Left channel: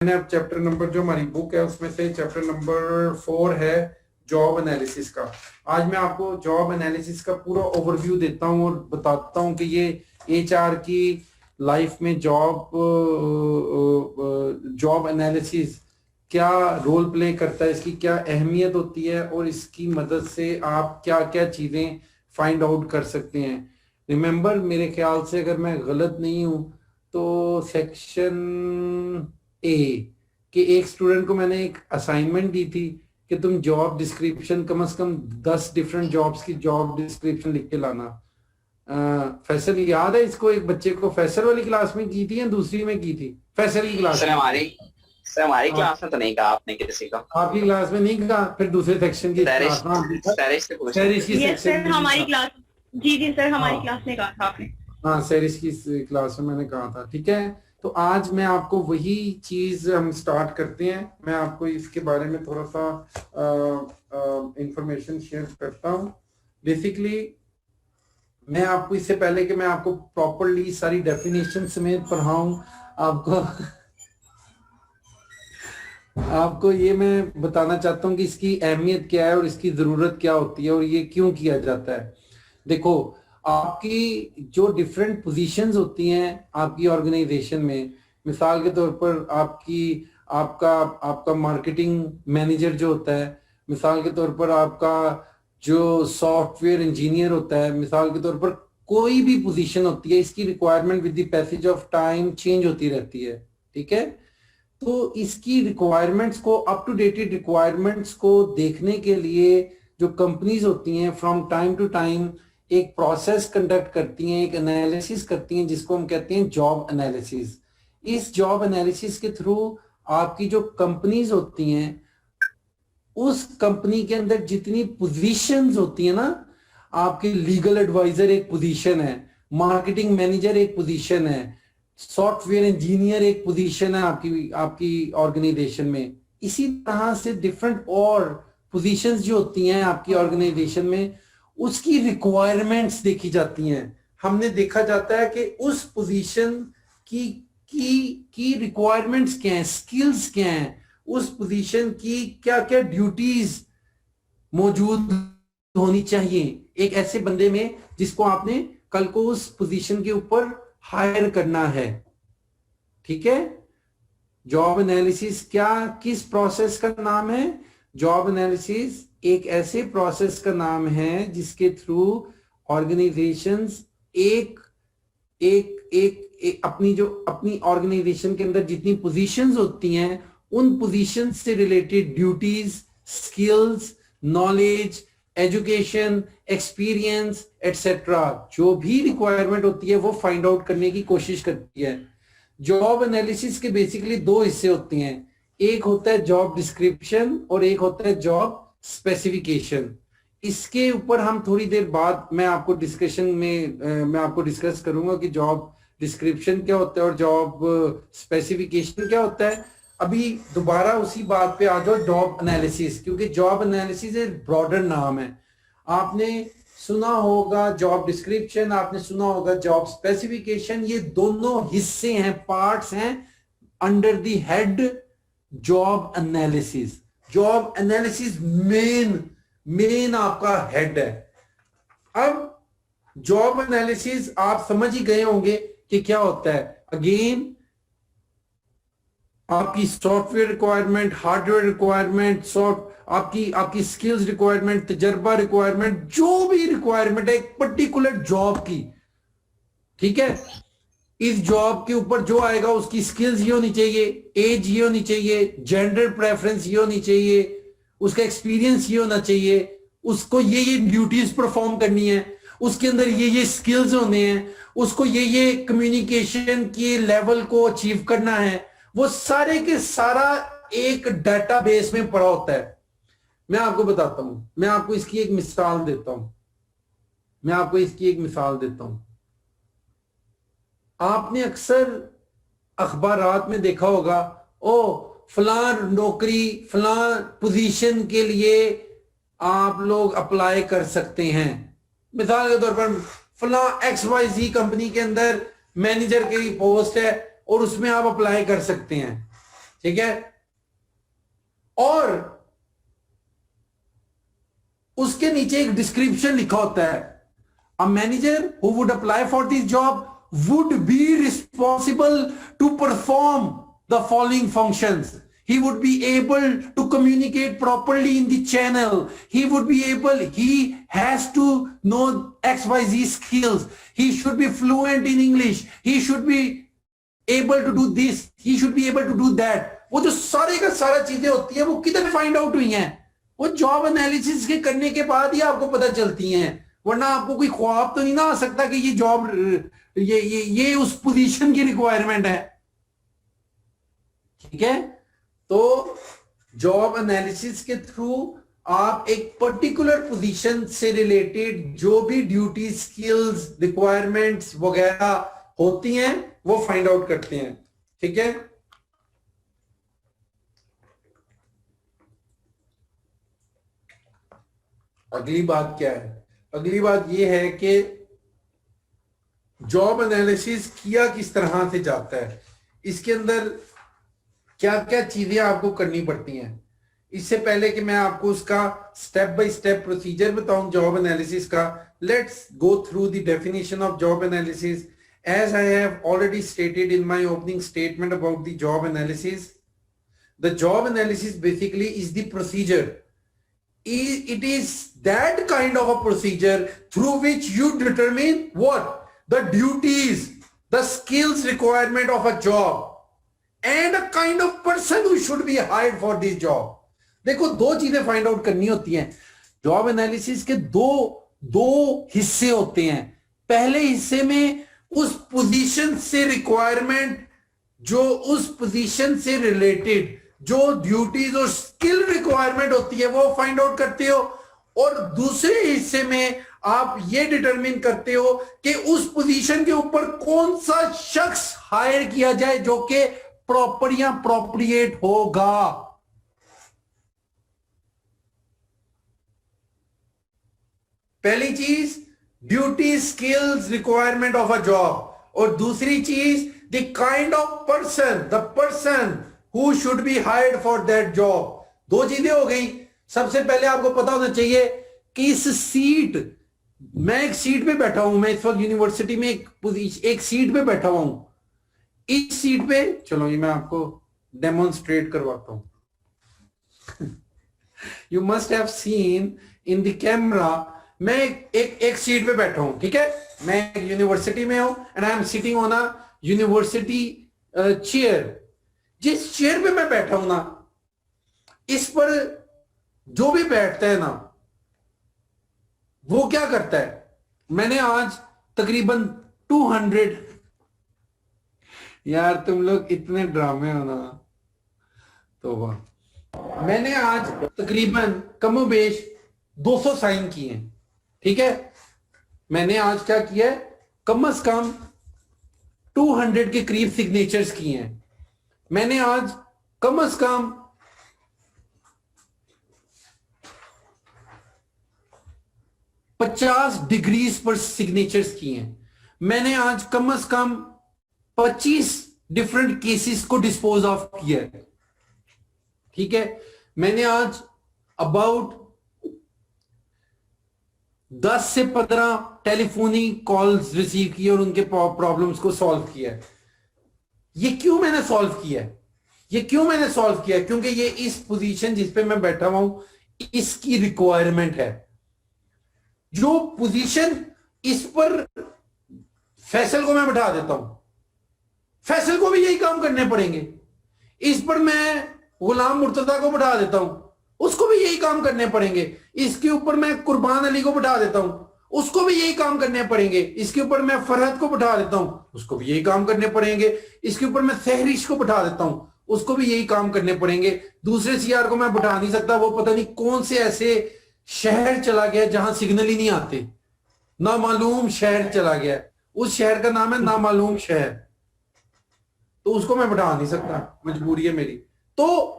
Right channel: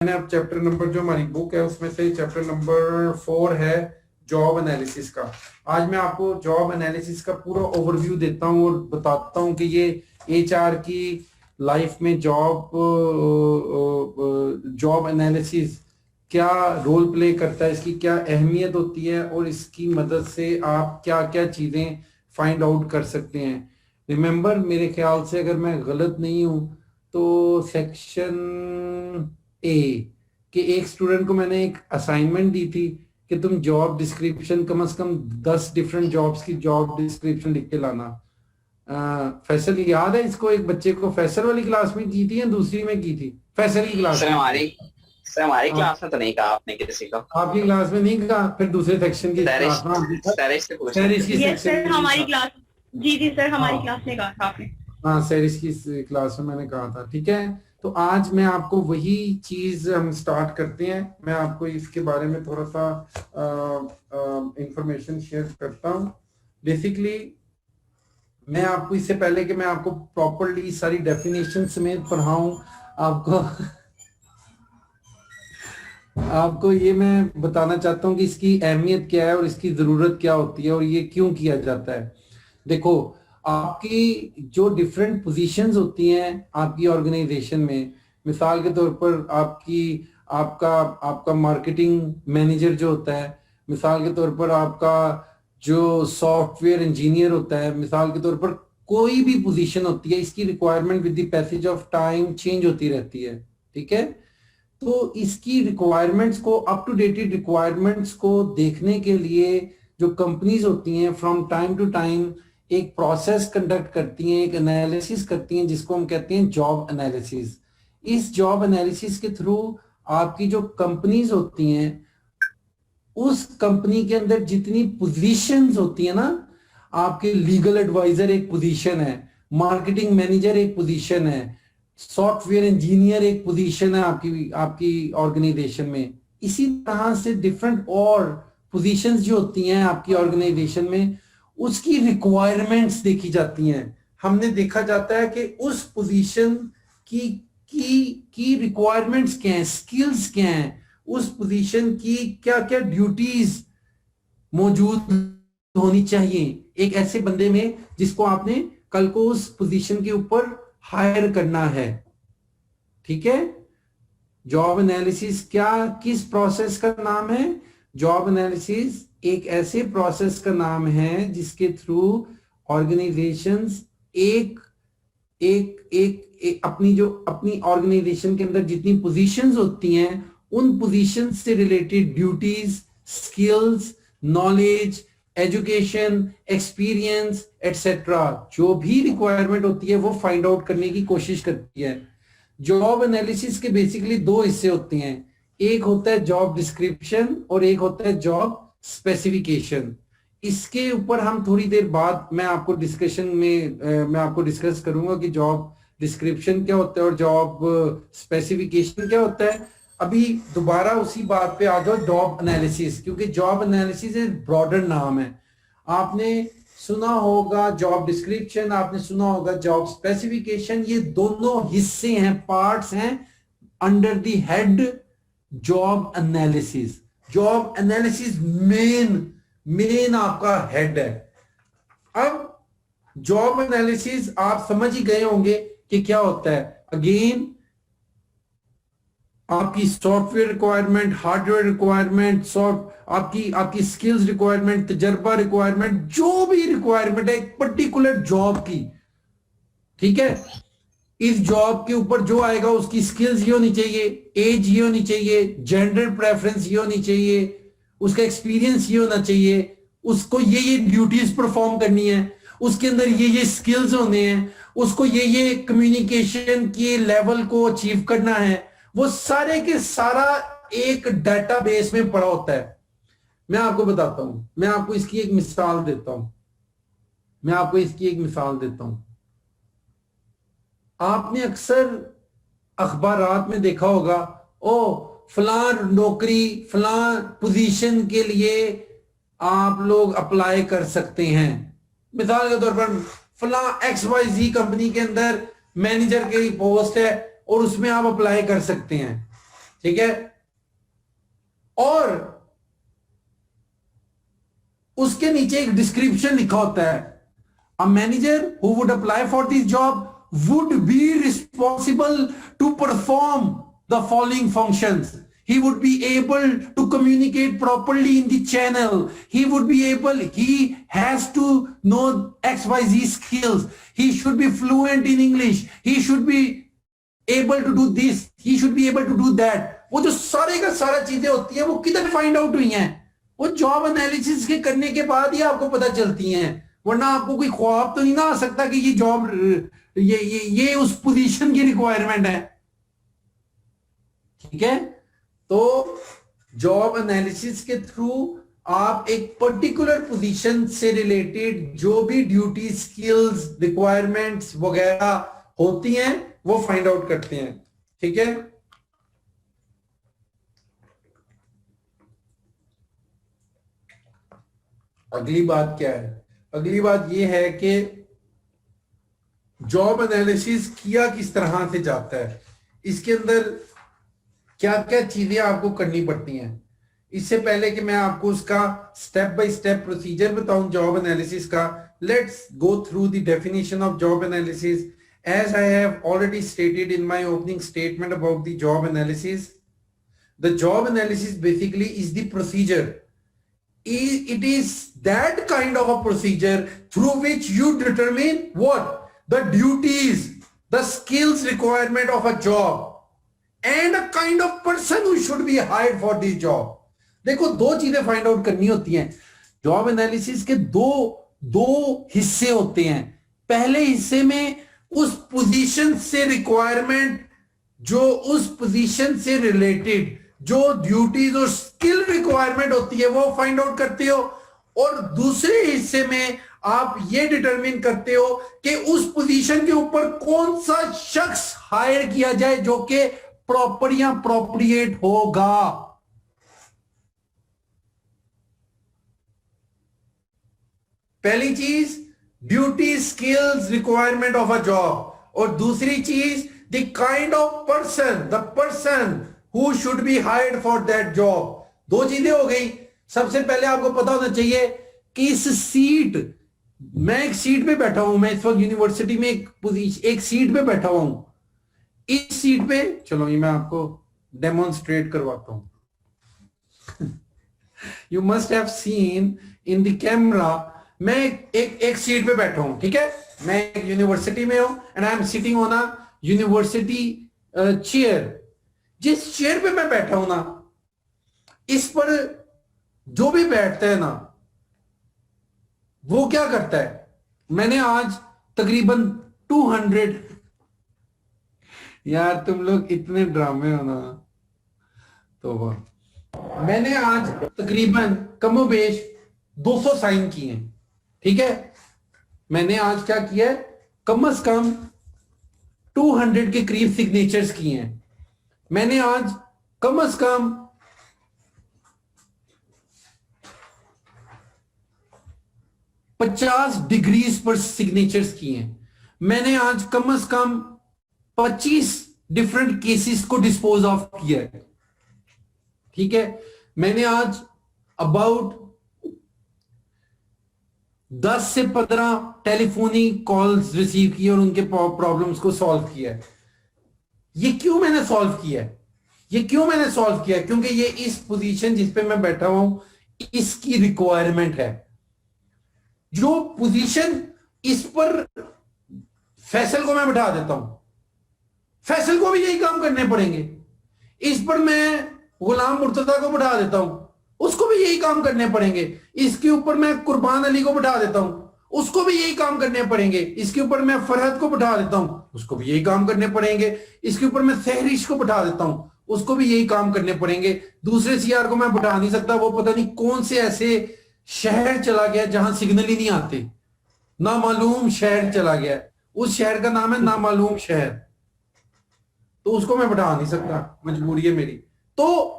मैंने अब chapter number जो हमारी बुक है उसमें से चैप्टर नंबर 4 है जॉब एनालिसिस का। आज मैं आपको जॉब एनालिसिस का पूरा ओवरव्यू देता हूं और बताता हूं कि ये एचआर की लाइफ में जॉब एनालिसिस क्या रोल प्ले करता है, इसकी क्या अहमियत होती है और इसकी मदद से आप क्या क्या चीजें फाइंड आउट कर सकते हैं। रिमेंबर, मेरे ख्याल से अगर मैं गलत नहीं हूं तो सेक्शन ए कि एक स्टूडेंट को मैंने एक असाइनमेंट दी थी कि तुम जॉब डिस्क्रिप्शन कम से कम 10 डिफरेंट जॉब्स की जॉब डिस्क्रिप्शन लिख के लाना। फैसल याद है इसको? एक बच्चे को फैसल वाली क्लास में की थी या दूसरी में की थी? फैसल की क्लास में। हमारी क्लास में तो नहीं कहा आपने किसी को। आपकी क्लास में नहीं कहा? फिर दूसरे सेक्शन की क्लास में हमारी क्लास। जी जी सर, हमारी क्लास में कहा था आपने। हाँ, सैरिश की क्लास में मैंने कहा था। ठीक है, तो आज मैं आपको वही चीज हम स्टार्ट करते हैं। मैं आपको इसके बारे में थोड़ा सा इंफॉर्मेशन शेयर करता हूँ। बेसिकली मैं आपको, इससे पहले कि मैं आपको प्रॉपरली सारी डेफिनेशन समेत पढ़ाऊं, आपको ये मैं बताना चाहता हूँ कि इसकी अहमियत क्या है और इसकी जरूरत क्या होती है और ये क्यों किया जाता है। देखो, आपकी जो डिफरेंट पोजीशंस होती हैं आपकी ऑर्गेनाइजेशन में, मिसाल के तौर पर आपका मार्केटिंग मैनेजर जो होता है, मिसाल के तौर पर आपका जो सॉफ्टवेयर इंजीनियर होता है, मिसाल के तौर पर कोई भी पोजीशन होती है, इसकी requirement with the passage of time change होती रहती है। ठीक है, तो इसकी रिक्वायरमेंट्स को, अप टू डेटेड रिक्वायरमेंट्स को देखने के लिए जो कंपनीज होती हैं फ्रॉम टाइम टू टाइम एक प्रोसेस कंडक्ट करती हैं, एक एनालिसिस करती हैं जिसको हम कहते हैं जॉब एनालिसिस। इस जॉब एनालिसिस के थ्रू आपकी जो कंपनीज होती हैं उस कंपनी के अंदर जितनी पोजीशंस होती है ना, आपके लीगल एडवाइजर एक पोजीशन है, मार्केटिंग मैनेजर एक पोजीशन है, सॉफ्टवेयर इंजीनियर एक पोजीशन है आपकी ऑर्गेनाइजेशन में। इसी तरह से डिफरेंट और पोजीशंस जो होती हैं आपकी ऑर्गेनाइजेशन में, उसकी रिक्वायरमेंट्स देखी जाती हैं। हमने देखा जाता है कि उस पोजीशन की रिक्वायरमेंट्स क्या हैं, स्किल्स क्या हैं, उस पोजीशन की क्या क्या ड्यूटीज मौजूद होनी चाहिए एक ऐसे बंदे में जिसको आपने कल को उस पोजीशन के ऊपर हायर करना है। ठीक है, जॉब एनालिसिस किस प्रोसेस का नाम है? जॉब एनालिसिस एक ऐसे प्रोसेस का नाम है जिसके थ्रू ऑर्गेनाइजेशंस अपनी ऑर्गेनाइजेशन के अंदर जितनी पोजीशंस होती हैं उन पोजीशंस से related duties, skills, knowledge, education, experience etcetera, जो भी रिक्वायरमेंट होती है वो फाइंड आउट करने की कोशिश करती है। जॉब एनालिसिस के बेसिकली दो हिस्से होते हैं, एक होता है जॉब डिस्क्रिप्शन और एक होता है जॉब स्पेसिफिकेशन। इसके ऊपर हम थोड़ी देर बाद मैं आपको डिस्कस करूंगा कि जॉब डिस्क्रिप्शन क्या होता है और जॉब स्पेसिफिकेशन क्या होता है। अभी दोबारा उसी बात पे आ जाओ, जॉब एनालिसिस, क्योंकि जॉब एनालिसिस एक ब्रॉडर नाम है। आपने सुना होगा जॉब डिस्क्रिप्शन, आपने सुना होगा जॉब स्पेसिफिकेशन, ये दोनों हिस्से हैं, पार्ट्स हैं under the head job analysis. Job analysis main आपका हेड है। अब जॉब एनालिसिस आप समझ ही गए होंगे कि क्या होता है। अगेन, आपकी सॉफ्टवेयर रिक्वायरमेंट, हार्डवेयर रिक्वायरमेंट, आपकी स्किल्स रिक्वायरमेंट, तजर्बा रिक्वायरमेंट, जो भी रिक्वायरमेंट है एक पर्टिकुलर जॉब की। ठीक है, इस जॉब के ऊपर जो आएगा उसकी स्किल्स ये होनी चाहिए, एज ये होनी चाहिए, जेंडर प्रेफरेंस ये होनी चाहिए, उसका एक्सपीरियंस ये होना चाहिए, उसको ये ड्यूटीज परफॉर्म करनी है, उसके अंदर ये स्किल्स होने हैं, उसको ये कम्युनिकेशन के लेवल को अचीव करना है। वो सारे के सारा एक डेटाबेस में पड़ा होता है। मैं आपको बताता हूं, मैं आपको इसकी एक मिसाल देता हूं। आपने अक्सर अखबारात में देखा होगा, फलां नौकरी, फलां पोजीशन के लिए आप लोग अप्लाई कर सकते हैं। मिसाल के तौर पर फलां XYZ कंपनी के अंदर मैनेजर की पोस्ट है और उसमें आप अप्लाई कर सकते हैं। ठीक है, और उसके नीचे एक डिस्क्रिप्शन लिखा होता है, a manager who would apply for this job would be responsible to perform the following functions. He would be able to communicate properly in the channel. He would be able, he has to know XYZ skills. He should be fluent in English. He should be able to do this. He should be able to do that. वो जो सारे का सारा चीजें होती है वो किधर फाइंड आउट हुई हैं? वो जॉब एनालिसिस के करने के बाद ही आपको पता चलती हैं, वरना आपको कोई ख्वाब तो नहीं ना आ सकता कि ये जॉब ये उस पोजीशन की रिक्वायरमेंट है. ठीक है, तो जॉब एनालिसिस के थ्रू आप एक पर्टिकुलर पोजीशन से रिलेटेड जो भी ड्यूटी, स्किल्स, रिक्वायरमेंट्स वगैरह होती हैं वो फाइंड आउट करते हैं. ठीक है, अगली बात क्या है? अगली बात यह है कि जॉब एनालिसिस किया किस तरह से जाता है, इसके अंदर क्या क्या चीजें आपको करनी पड़ती हैं. इससे पहले कि मैं आपको उसका स्टेप बाय स्टेप प्रोसीजर बताऊं जॉब एनालिसिस का, let's go through the definition of job analysis. As I have already stated in my opening statement about the job analysis, the job analysis basically is the procedure. It is that kind of a procedure through which you determine what the duties, the skills requirement of a job and a kind of person who should be hired for this job. देखो, दो चीजें find out करनी होती हैं. Job analysis के दो हिस्से होते हैं. पहले हिस्से में उस पोजीशन से रिक्वायरमेंट, जो उस पोजीशन से रिलेटेड जो ड्यूटीज और स्किल रिक्वायरमेंट होती है वो फाइंड आउट करते हो, और दूसरे हिस्से में आप ये डिटरमिन करते हो कि उस पोजीशन के ऊपर कौन सा शख्स हायर किया जाए जो कि प्रॉपर या अप्रोप्रिएट होगा. पहली चीज duty, skills, requirement of a job, और दूसरी चीज the kind of person, the person who should be hired for that job. दो चीजें हो गई. सबसे पहले आपको पता होना चाहिए कि इस सीट, मैं एक सीट पे बैठा हूं, मैं इस वक्त यूनिवर्सिटी में एक सीट पे बैठा हूं. इस सीट पे, चलो ये मैं आपको डेमोन्स्ट्रेट करवाता हूं. You must have seen in the camera, मैं एक सीट पे बैठा हूं. ठीक है, मैं एक यूनिवर्सिटी में हूं and I am sitting on a university chair. जिस चेयर पे मैं बैठा हूं ना, इस पर जो भी बैठता है ना वो क्या करता है. मैंने आज तकरीबन 200, यार तुम लोग इतने ड्रामे हो ना, तो मैंने आज तकरीबन कमोबेश 200 साइन किए हैं. ठीक है, मैंने आज क्या किया है, कम से कम 200 के करीब सिग्नेचर्स किए हैं. मैंने आज कम से कम 50 डिग्रीज पर सिग्नेचर्स किए हैं. मैंने आज कम से कम 25 डिफरेंट केसेस को डिस्पोज ऑफ किया है. ठीक है, मैंने आज अबाउट 10 से 15 टेलीफोनिक कॉल्स रिसीव किए और उनके प्रॉब्लम्स को सॉल्व किया है. ये क्यों मैंने सॉल्व किया है? ये क्यों मैंने सॉल्व किया है? क्योंकि ये इस पोजीशन जिस पे मैं बैठा हुआ हूं इसकी रिक्वायरमेंट है. जो पोजीशन इस पर फैसल को मैं बैठा देता हूं, फैसल को भी यही काम करने पड़ेंगे. इस पर मैं गुलाम मुर्तजा को बैठा देता हूं, उसको भी यही काम करने पड़ेंगे. इसके ऊपर मैं कुर्बान अली को बैठा देता हूं, उसको भी यही काम करने पड़ेंगे. इसके ऊपर मैं फरहद को बैठा देता हूं, उसको भी यही काम करने पड़ेंगे. इसके ऊपर मैं सहरिश को बैठा देता हूं, उसको भी यही काम करने पड़ेंगे. दूसरे सीआर को मैं बैठा नहीं सकता, वो पता नहीं कौन से ऐसे शहर चला गया जहां सिग्नल ही नहीं आते, नामालूम शहर चला गया, उस शहर का नाम है नामालूम शहर, तो उसको मैं बैठा नहीं सकता, मजबूरी है मेरी. तो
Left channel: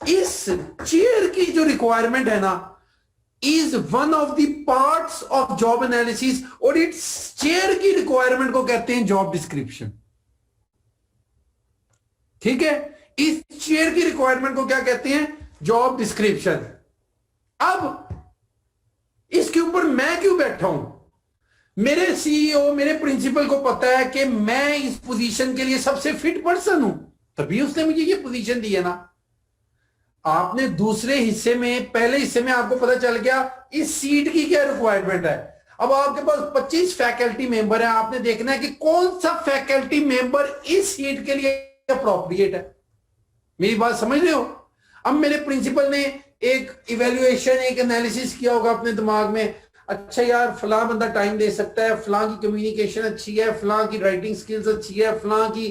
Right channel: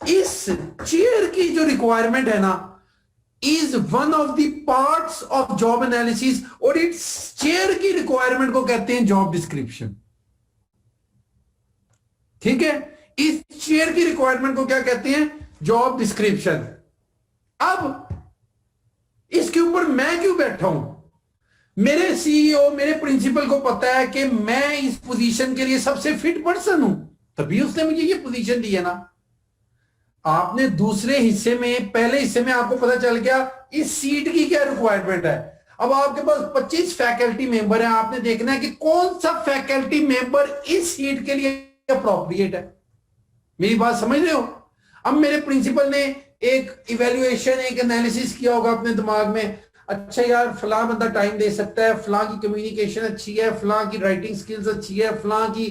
इस चेयर की जो रिक्वायरमेंट है ना is one of the parts of job analysis, और इस चेयर की रिक्वायरमेंट को कहते हैं जॉब डिस्क्रिप्शन. ठीक है, इस शेयर की रिक्वायरमेंट को क्या कहते हैं? Job description. अब इसके ऊपर मैं क्यों बैठा हूं? मेरे सीईओ, मेरे प्रिंसिपल को पता है कि मैं इस पोजीशन के लिए सबसे फिट पर्सन हूं, तभी उसने मुझे ये पोजीशन दी है ना। आपने दूसरे हिस्से में, पहले हिस्से में आपको पता चल गया इस सीट की क्या रिक्वायरमेंट है। अब आपके पास 25 फैकल्टी मेंबर है, आपने देखना है कि कौन सा फैकल्टी मेंबर इस सीट के लिए अप्रोप्रिएट है। मेरी बात समझ रहे हो? अब मेरे प्रिंसिपल ने एक इवेल्युएशन, एक एनालिसिस किया होगा अपने दिमाग में, अच्छा यार फलां बंदा टाइम दे सकता है, फलां की कम्युनिकेशन अच्छी है, फलां की राइटिंग स्किल्स अच्छी है, फलां की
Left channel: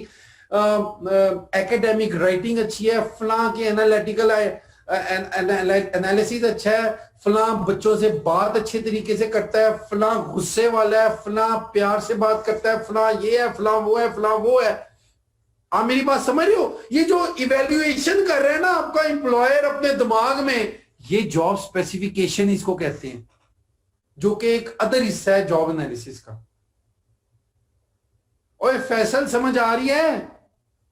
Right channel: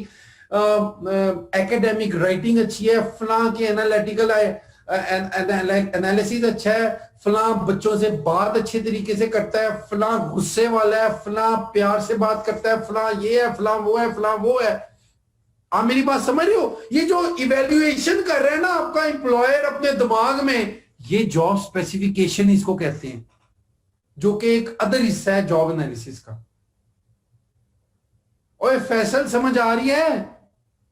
एकेडमिक राइटिंग अच्छी है, फलां की एनालिटिकल एनालिसिस अच्छा है, फलां बच्चों से बात अच्छे तरीके से करता है, फलां गुस्से वाला है, फलां प्यार से बात करता है, फलां ये है, फलां वो है, फलां वो है। आप मेरी बात समझ रहे हो? ये जो इवेल्युएशन कर रहे हैं ना आपका एम्प्लॉयर अपने दिमाग में, ये जॉब स्पेसिफिकेशन इसको कहते हैं, जो कि एक अदर हिस्सा है जॉब एनालिसिस का। ओए फैसल, समझ आ रही है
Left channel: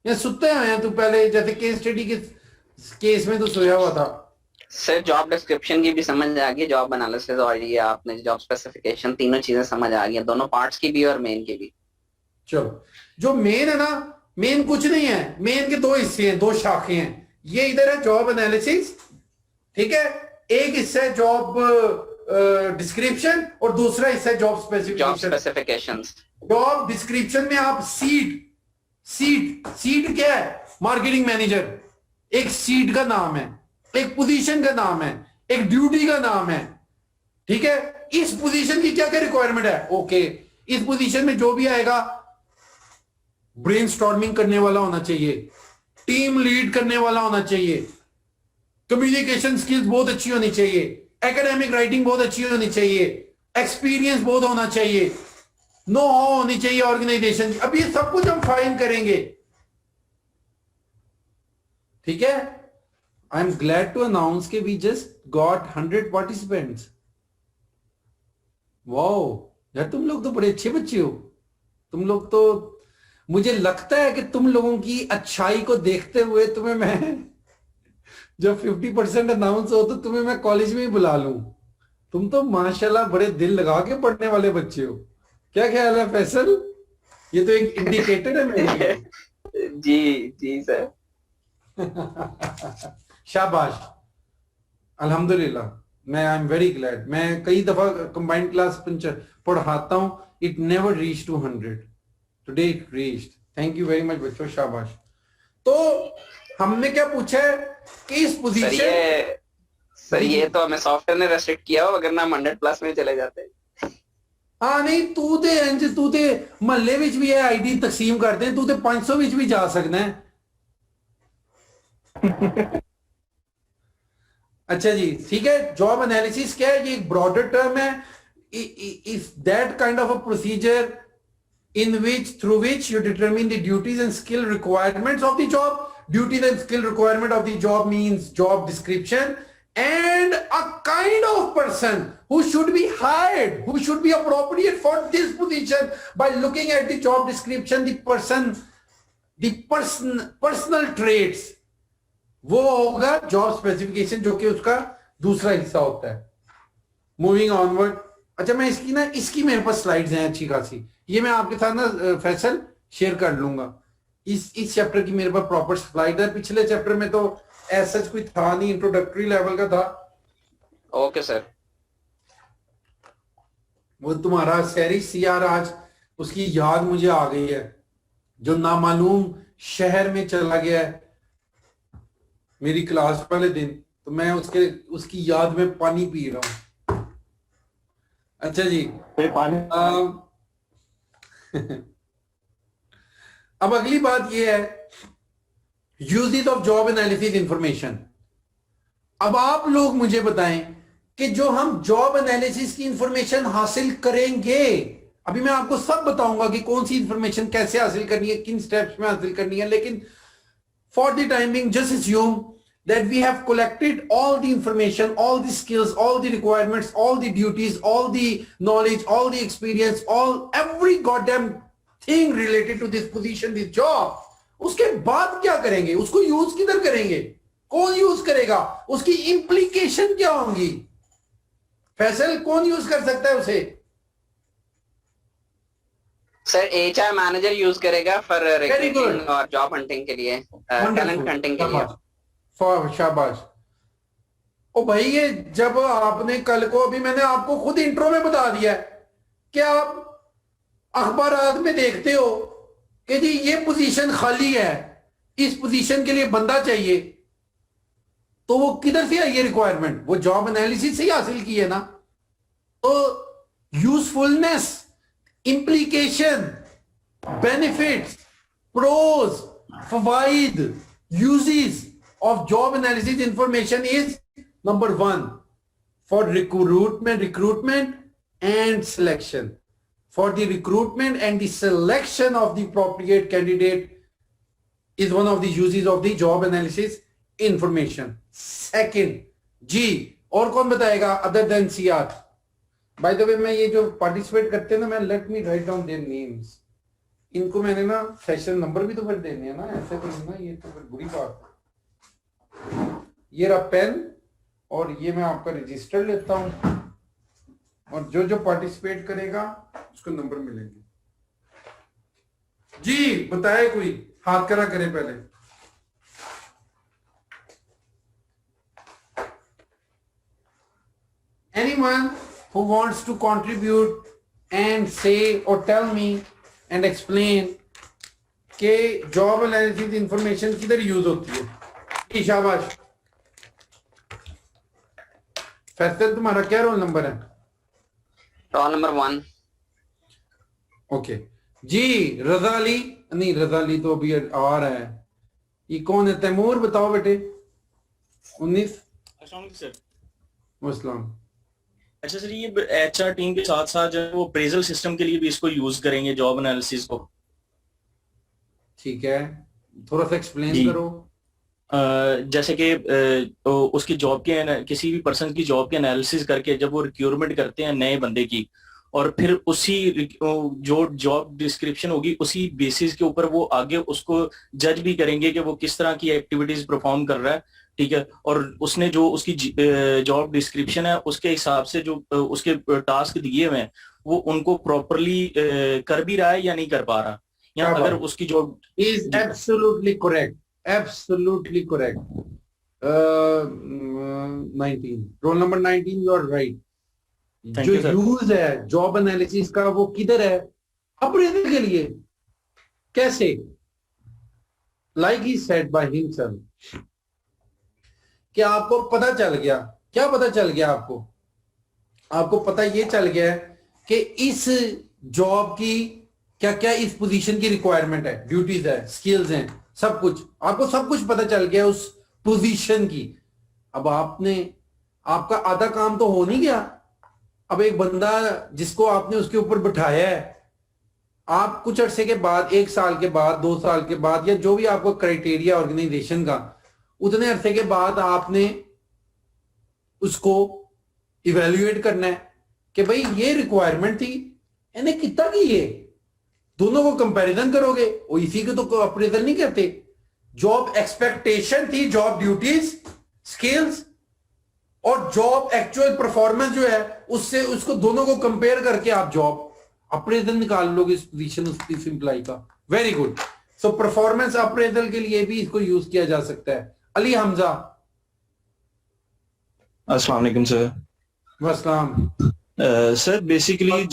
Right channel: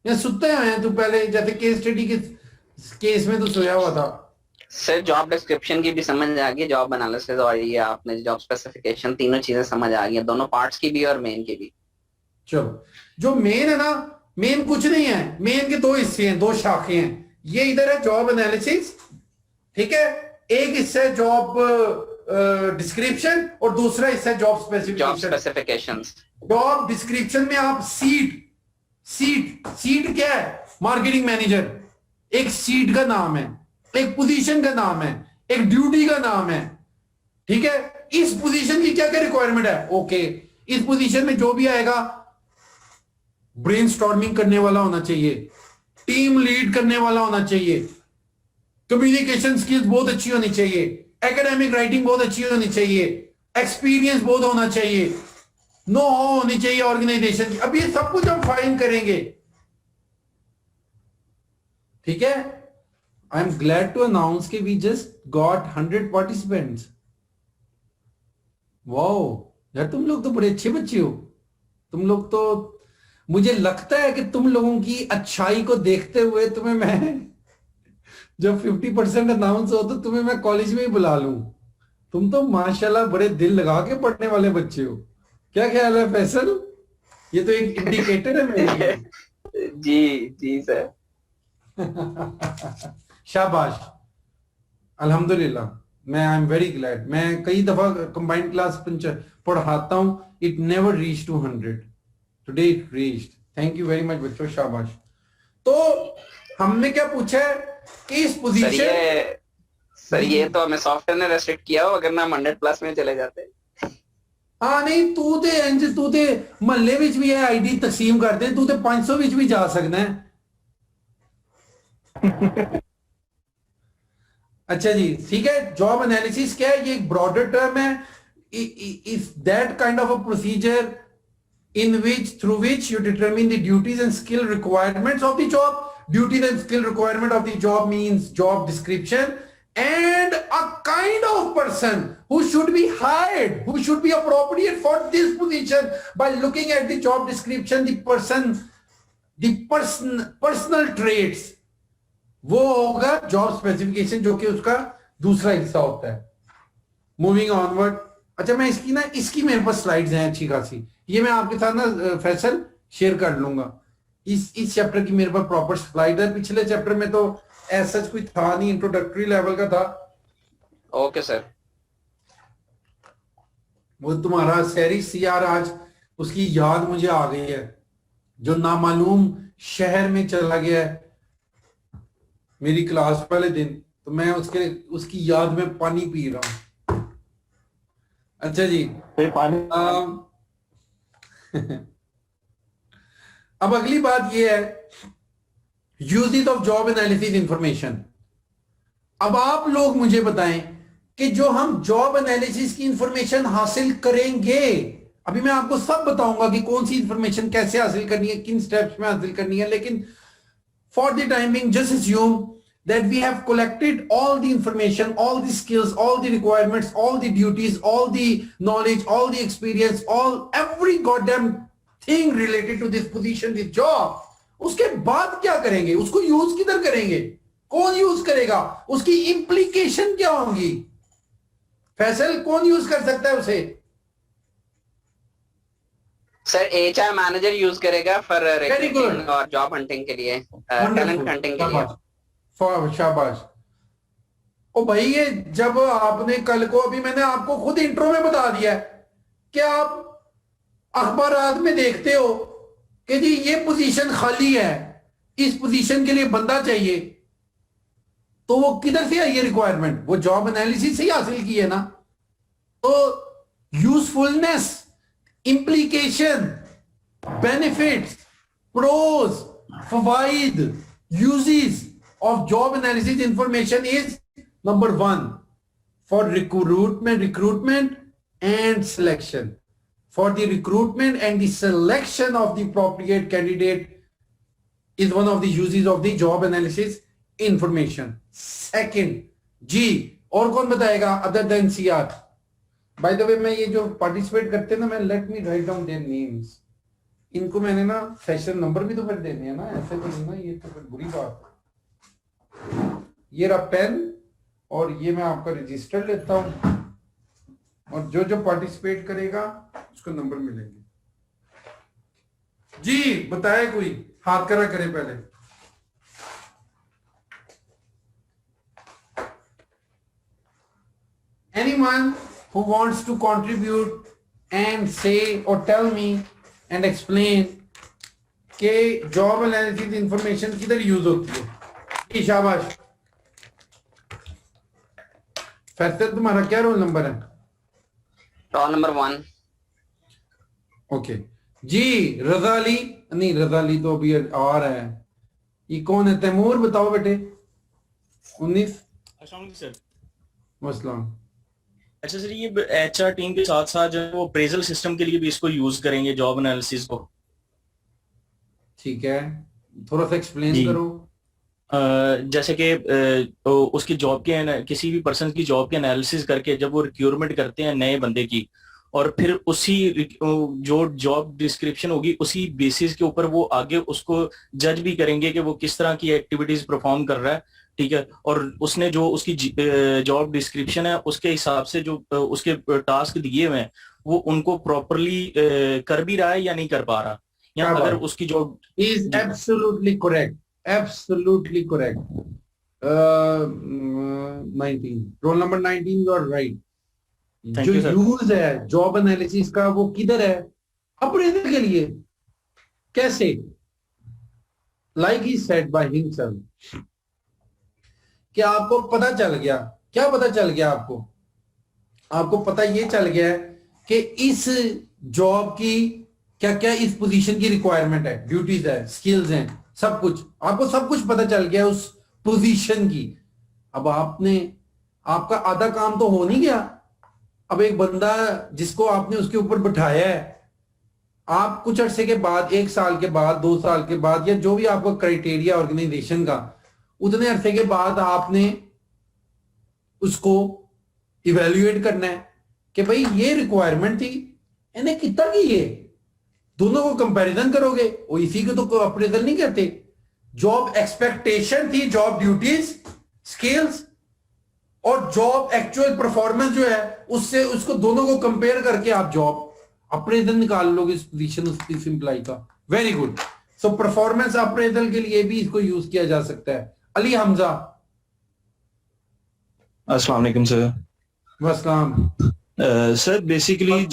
या सुते हुए हैं? तू पहले जैसे केस स्टडी के केस में तो सोया हुआ था। सर जॉब डिस्क्रिप्शन की भी समझ आ गई, जॉब एनालिसिस और ये आपने जॉब स्पेसिफिकेशन, तीनों चीजें समझ आ गई, दोनों पार्ट्स की भी और मेन की भी। चलो, जो मेन है ना, मेन कुछ नहीं है, मेन के दो हिस्से हैं, दो शाखें हैं। ये इधर है जॉब एनालिसिस, ठीक है, एक हिस्सा है जॉब डिस्क्रिप्शन और दूसरा हिस्सा है जॉब स्पेसिफिकेशन। जॉब डिस्क्रिप्शन में आप सीट क्या है? मार्केटिंग मैनेजर एक सीट का नाम है, एक पोजीशन का नाम है, एक ड्यूटी का नाम है, ठीक है। इस पोजीशन की क्या क्या रिक्वायरमेंट है? ओके, इस पोजीशन में जो भी आएगा ब्रेनस्टॉर्मिंग करने वाला होना चाहिए, टीम लीड करने वाला होना चाहिए, कम्युनिकेशन स्किल्स बहुत अच्छी होनी चाहिए, एकेडमिक राइटिंग बहुत अच्छी होनी चाहिए, एक्सपीरियंस बहुत होना चाहिए, नो हाउ होनी चाहिए ऑर्गेनाइजेशन। अब ये सब कुछ हम फाइन करेंगे, ठीक है। I am glad to announce कि we just got 100 participants. Wow यार, तुम लोग तो बड़े अच्छे बच्चे हो। तुम लोग तो, मुझे लगता है कि तुम लोगों की अच्छाई को देखते हुए तुम्हें मैं जब 50% अनाउंस हो तो तुम्हें मैं कॉलेज में ही बुला लूं। तुम तो माशाल्लाह बड़े दिल लगा के पढ़ने वाले बच्चे हो। क्या ख्याल है फैसल? ये तो एक इंडिकेटर है मेरे लिए। जी सर। शाबाश, अल्हम्दुलिल्लाह, मैं आई एम वेरी ग्लैड। मैं कई दफा कंबाइंड क्लास पढ़ाता हूं, it never reach to 100, today it reached. Thank you very much बच्चों, शाबाश। तो हमने क्या पूछा है कि इस पोजीशन, सर ये तो हमें सॉफ्टवेयर ने रेस्ट्रिक्ट किया हो, वरना हम 100+ में चले जाते। हाँ नहीं, तू ते महल्ले विच भी आईडी तकसीम करते हैं, तू ते 500 विच भी जा सकना है। अच्छा जी, ठीक है। जॉब एनालिसिस क्या है? ये एक ब्रॉडर टर्म है। Is that kind of a procedure in which, through which you determine the duties and skill requirements of the job. Duties and skill requirement of the job means job description, and a kind of person who should be hired, who should be appropriate for this position by looking at the job description, personal traits, वो होगा job specification, जो कि उसका दूसरा हिस्सा होता है। Moving onward. अच्छा, मैं इसकी मेरे पास स्लाइड्स हैं अच्छी खासी, ये मैं आपके साथ ना फैसल शेयर कर लूंगा। इस चैप्टर की मेरे पास प्रॉपर स्लाइड है। पिछले चैप्टर में तो ऐसा कोई था नहीं, इंट्रोडक्टरी लेवल का था। Okay sir. वो तुम्हारा सैरी सीआर आज उसकी याद मुझे आ गई है, जो नामालूम शहर में चला गया है मेरी क्लास वाले दिन, तो मैं उसकी याद में पानी पी रहा हूं। अच्छा जी, अब अगली बात यह है, uses of job analysis information. अब आप लोग मुझे बताएं कि जो हम जॉब एनालिसिस की इंफॉर्मेशन हासिल करेंगे, अभी मैं आपको सब बताऊंगा कि कौन सी इंफॉर्मेशन कैसे हासिल करनी है, किन स्टेप्स में हासिल करनी है, लेकिन for the time being just assume that we have collected all the information, all the skills, all the requirements, all the duties, all the knowledge, all the experience, every goddamn thing related to this position, this job, उसके बाद क्या करेंगे, उसको use किधर करेंगे, कौन use करेगा, उसकी इंप्लीकेशन क्या होंगी, फैसल कौन यूज कर सकता है उसे? सर एचआर मैनेजर यूज करेगा फॉर Very good. रिक्रूटिंग और जॉब हंटिंग के लिए, टैलेंट हंटिंग के लिए। शाबाश। ओ भाई, ये जब आपने कल को, अभी मैंने आपको खुद इंट्रो में बता दिया है कि आप अखबारात में देखते हो कि जी ये पोजीशन खाली है, इस पोजीशन के लिए बंदा चाहिए, तो वो किधर से आई ये रिक्वायरमेंट? वो जॉब एनालिसिस से ही हासिल की है ना। तो usefulness, implication, benefits, pros, fawaid, uses of job analysis information is number 1 for recruitment and selection. For the recruitment and the selection of the appropriate candidate is one of the uses of the job analysis information. Second, G, और कौन बताएगा other than CR? By the way, मैं ये जो participate करते हैं ना, मैं let me write down their names, इनको मैंने ना सेशन नंबर भी तो फिर देने हैं ना, ऐसे तो नहीं ना, ये तो फिर बुरी बात है। ये रहा पेन, और ये मैं आपका रजिस्टर लेता हूं, और जो जो पार्टिसिपेट करेगा उसको नंबर मिलेंगे। जी बताए, कोई हाथ करा करे पहले। Anyone who wants to contribute and say or tell me and explain कि जॉब एनालिसिस इंफॉर्मेशन किधर यूज होती है? शाबाश। फैसल, तुम्हारा क्या रोल नंबर है? Roll number 1। ओके जी। रजा अली, नहीं रजा अली तो अभी आ रहा है। ये कौन है? तैमूर बताओ बेटे। 19। सर अस्सलाम। अच्छा सर, ये एचआर टीम के साथ साथ जो है वो अप्रेजल सिस्टम के लिए भी इसको यूज करेंगे, जॉब एनालिसिस को। ठीक है, थोड़ा सा एक्सप्लेन जी। करो। जैसे कि उसकी जॉब के, किसी भी पर्सन की जॉब के एनालिसिस करके जब वो रिक्रूटमेंट करते हैं नए बंदे की, और फिर उसी जो जॉब डिस्क्रिप्शन होगी उसी बेसिस के ऊपर वो आगे उसको जज भी करेंगे कि वो किस तरह की एक्टिविटीज परफॉर्म कर रहा है। ठीक है, और उसने जो उसकी जॉब डिस्क्रिप्शन है उसके हिसाब से जो उसके टास्क दिए हुए हैं वो उनको प्रॉपरली कर भी रहा है या नहीं कर पा रहा, या अगर उसकी job is absolutely correct, absolutely correct. 19, roll number 19, you are right. जो यूज है जॉब एनालिसिस का वो किधर है? अप्रेजल के लिए। कैसे? Like he said by himself, कि आपको पता चल गया। क्या पता चल गया आपको? आपको पता ये चल गया है कि इस जॉब की क्या क्या इस पोजीशन की रिक्वायरमेंट है, ड्यूटीज है, स्किल्स हैं, सब कुछ आपको सब कुछ पता चल गया उस पोजीशन की। अब आपका आधा काम तो हो नहीं गया। अब एक बंदा जिसको आपने उसके ऊपर बिठाया है, आप कुछ अरसे के बाद, 1 साल के बाद, 2 साल के बाद, या जो भी आपको क्राइटेरिया ऑर्गेनाइजेशन का, उतने अरसे के बाद आपने उसको इवेल्युएट करना है कि भाई ये रिक्वायरमेंट थी, इन्हें कितना की है। दोनों को कंपैरिजन करोगे, और इसी को तो अप्रेजल नहीं करते। जॉब एक्सपेक्टेशन थी, जॉब ड्यूटीज, स्किल्स, और जॉब एक्चुअल परफॉर्मेंस जो है उससे, उसको दोनों को कंपेयर करके आप जॉब अप्रेजल निकाल लोगे इस पोजीशन, उस एम्प्लॉय का। Very good. So performance appraisal के लिए भी इसको यूज किया जा सकता है। अली हमजा। अस्सलाम वालेकुम सर। अस्सलाम। सर बेसिकली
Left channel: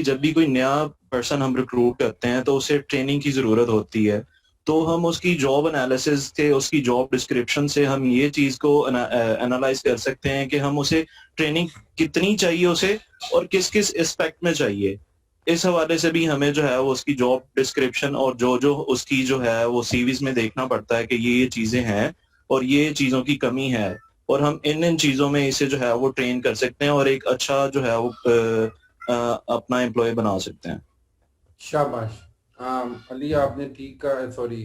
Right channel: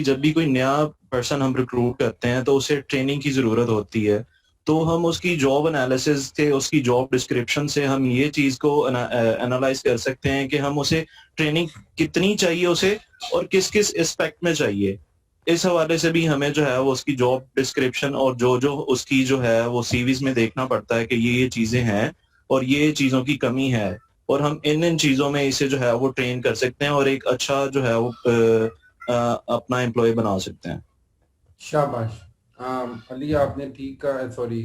जब भी कोई नया पर्सन हम रिक्रूट करते हैं तो उसे ट्रेनिंग की जरूरत होती है। तो हम उसकी जॉब एनालिसिस से, उसकी जॉब डिस्क्रिप्शन से हम ये चीज को एनालाइज कर सकते हैं कि हम उसे ट्रेनिंग कितनी चाहिए उसे, और किस किस एस्पेक्ट में चाहिए। इस हवाले से भी हमें जो है वो उसकी जॉब डिस्क्रिप्शन और जो जो उसकी जो है वो सीवीज में देखना पड़ता है कि ये चीजें हैं और ये चीजों की कमी है, और हम इन चीजों में इसे जो है वो ट्रेन कर सकते हैं और एक अच्छा जो है वो अपना एम्प्लॉय बना सकते हैं। शाबाश। अली आपने ठीक कहा है, सॉरी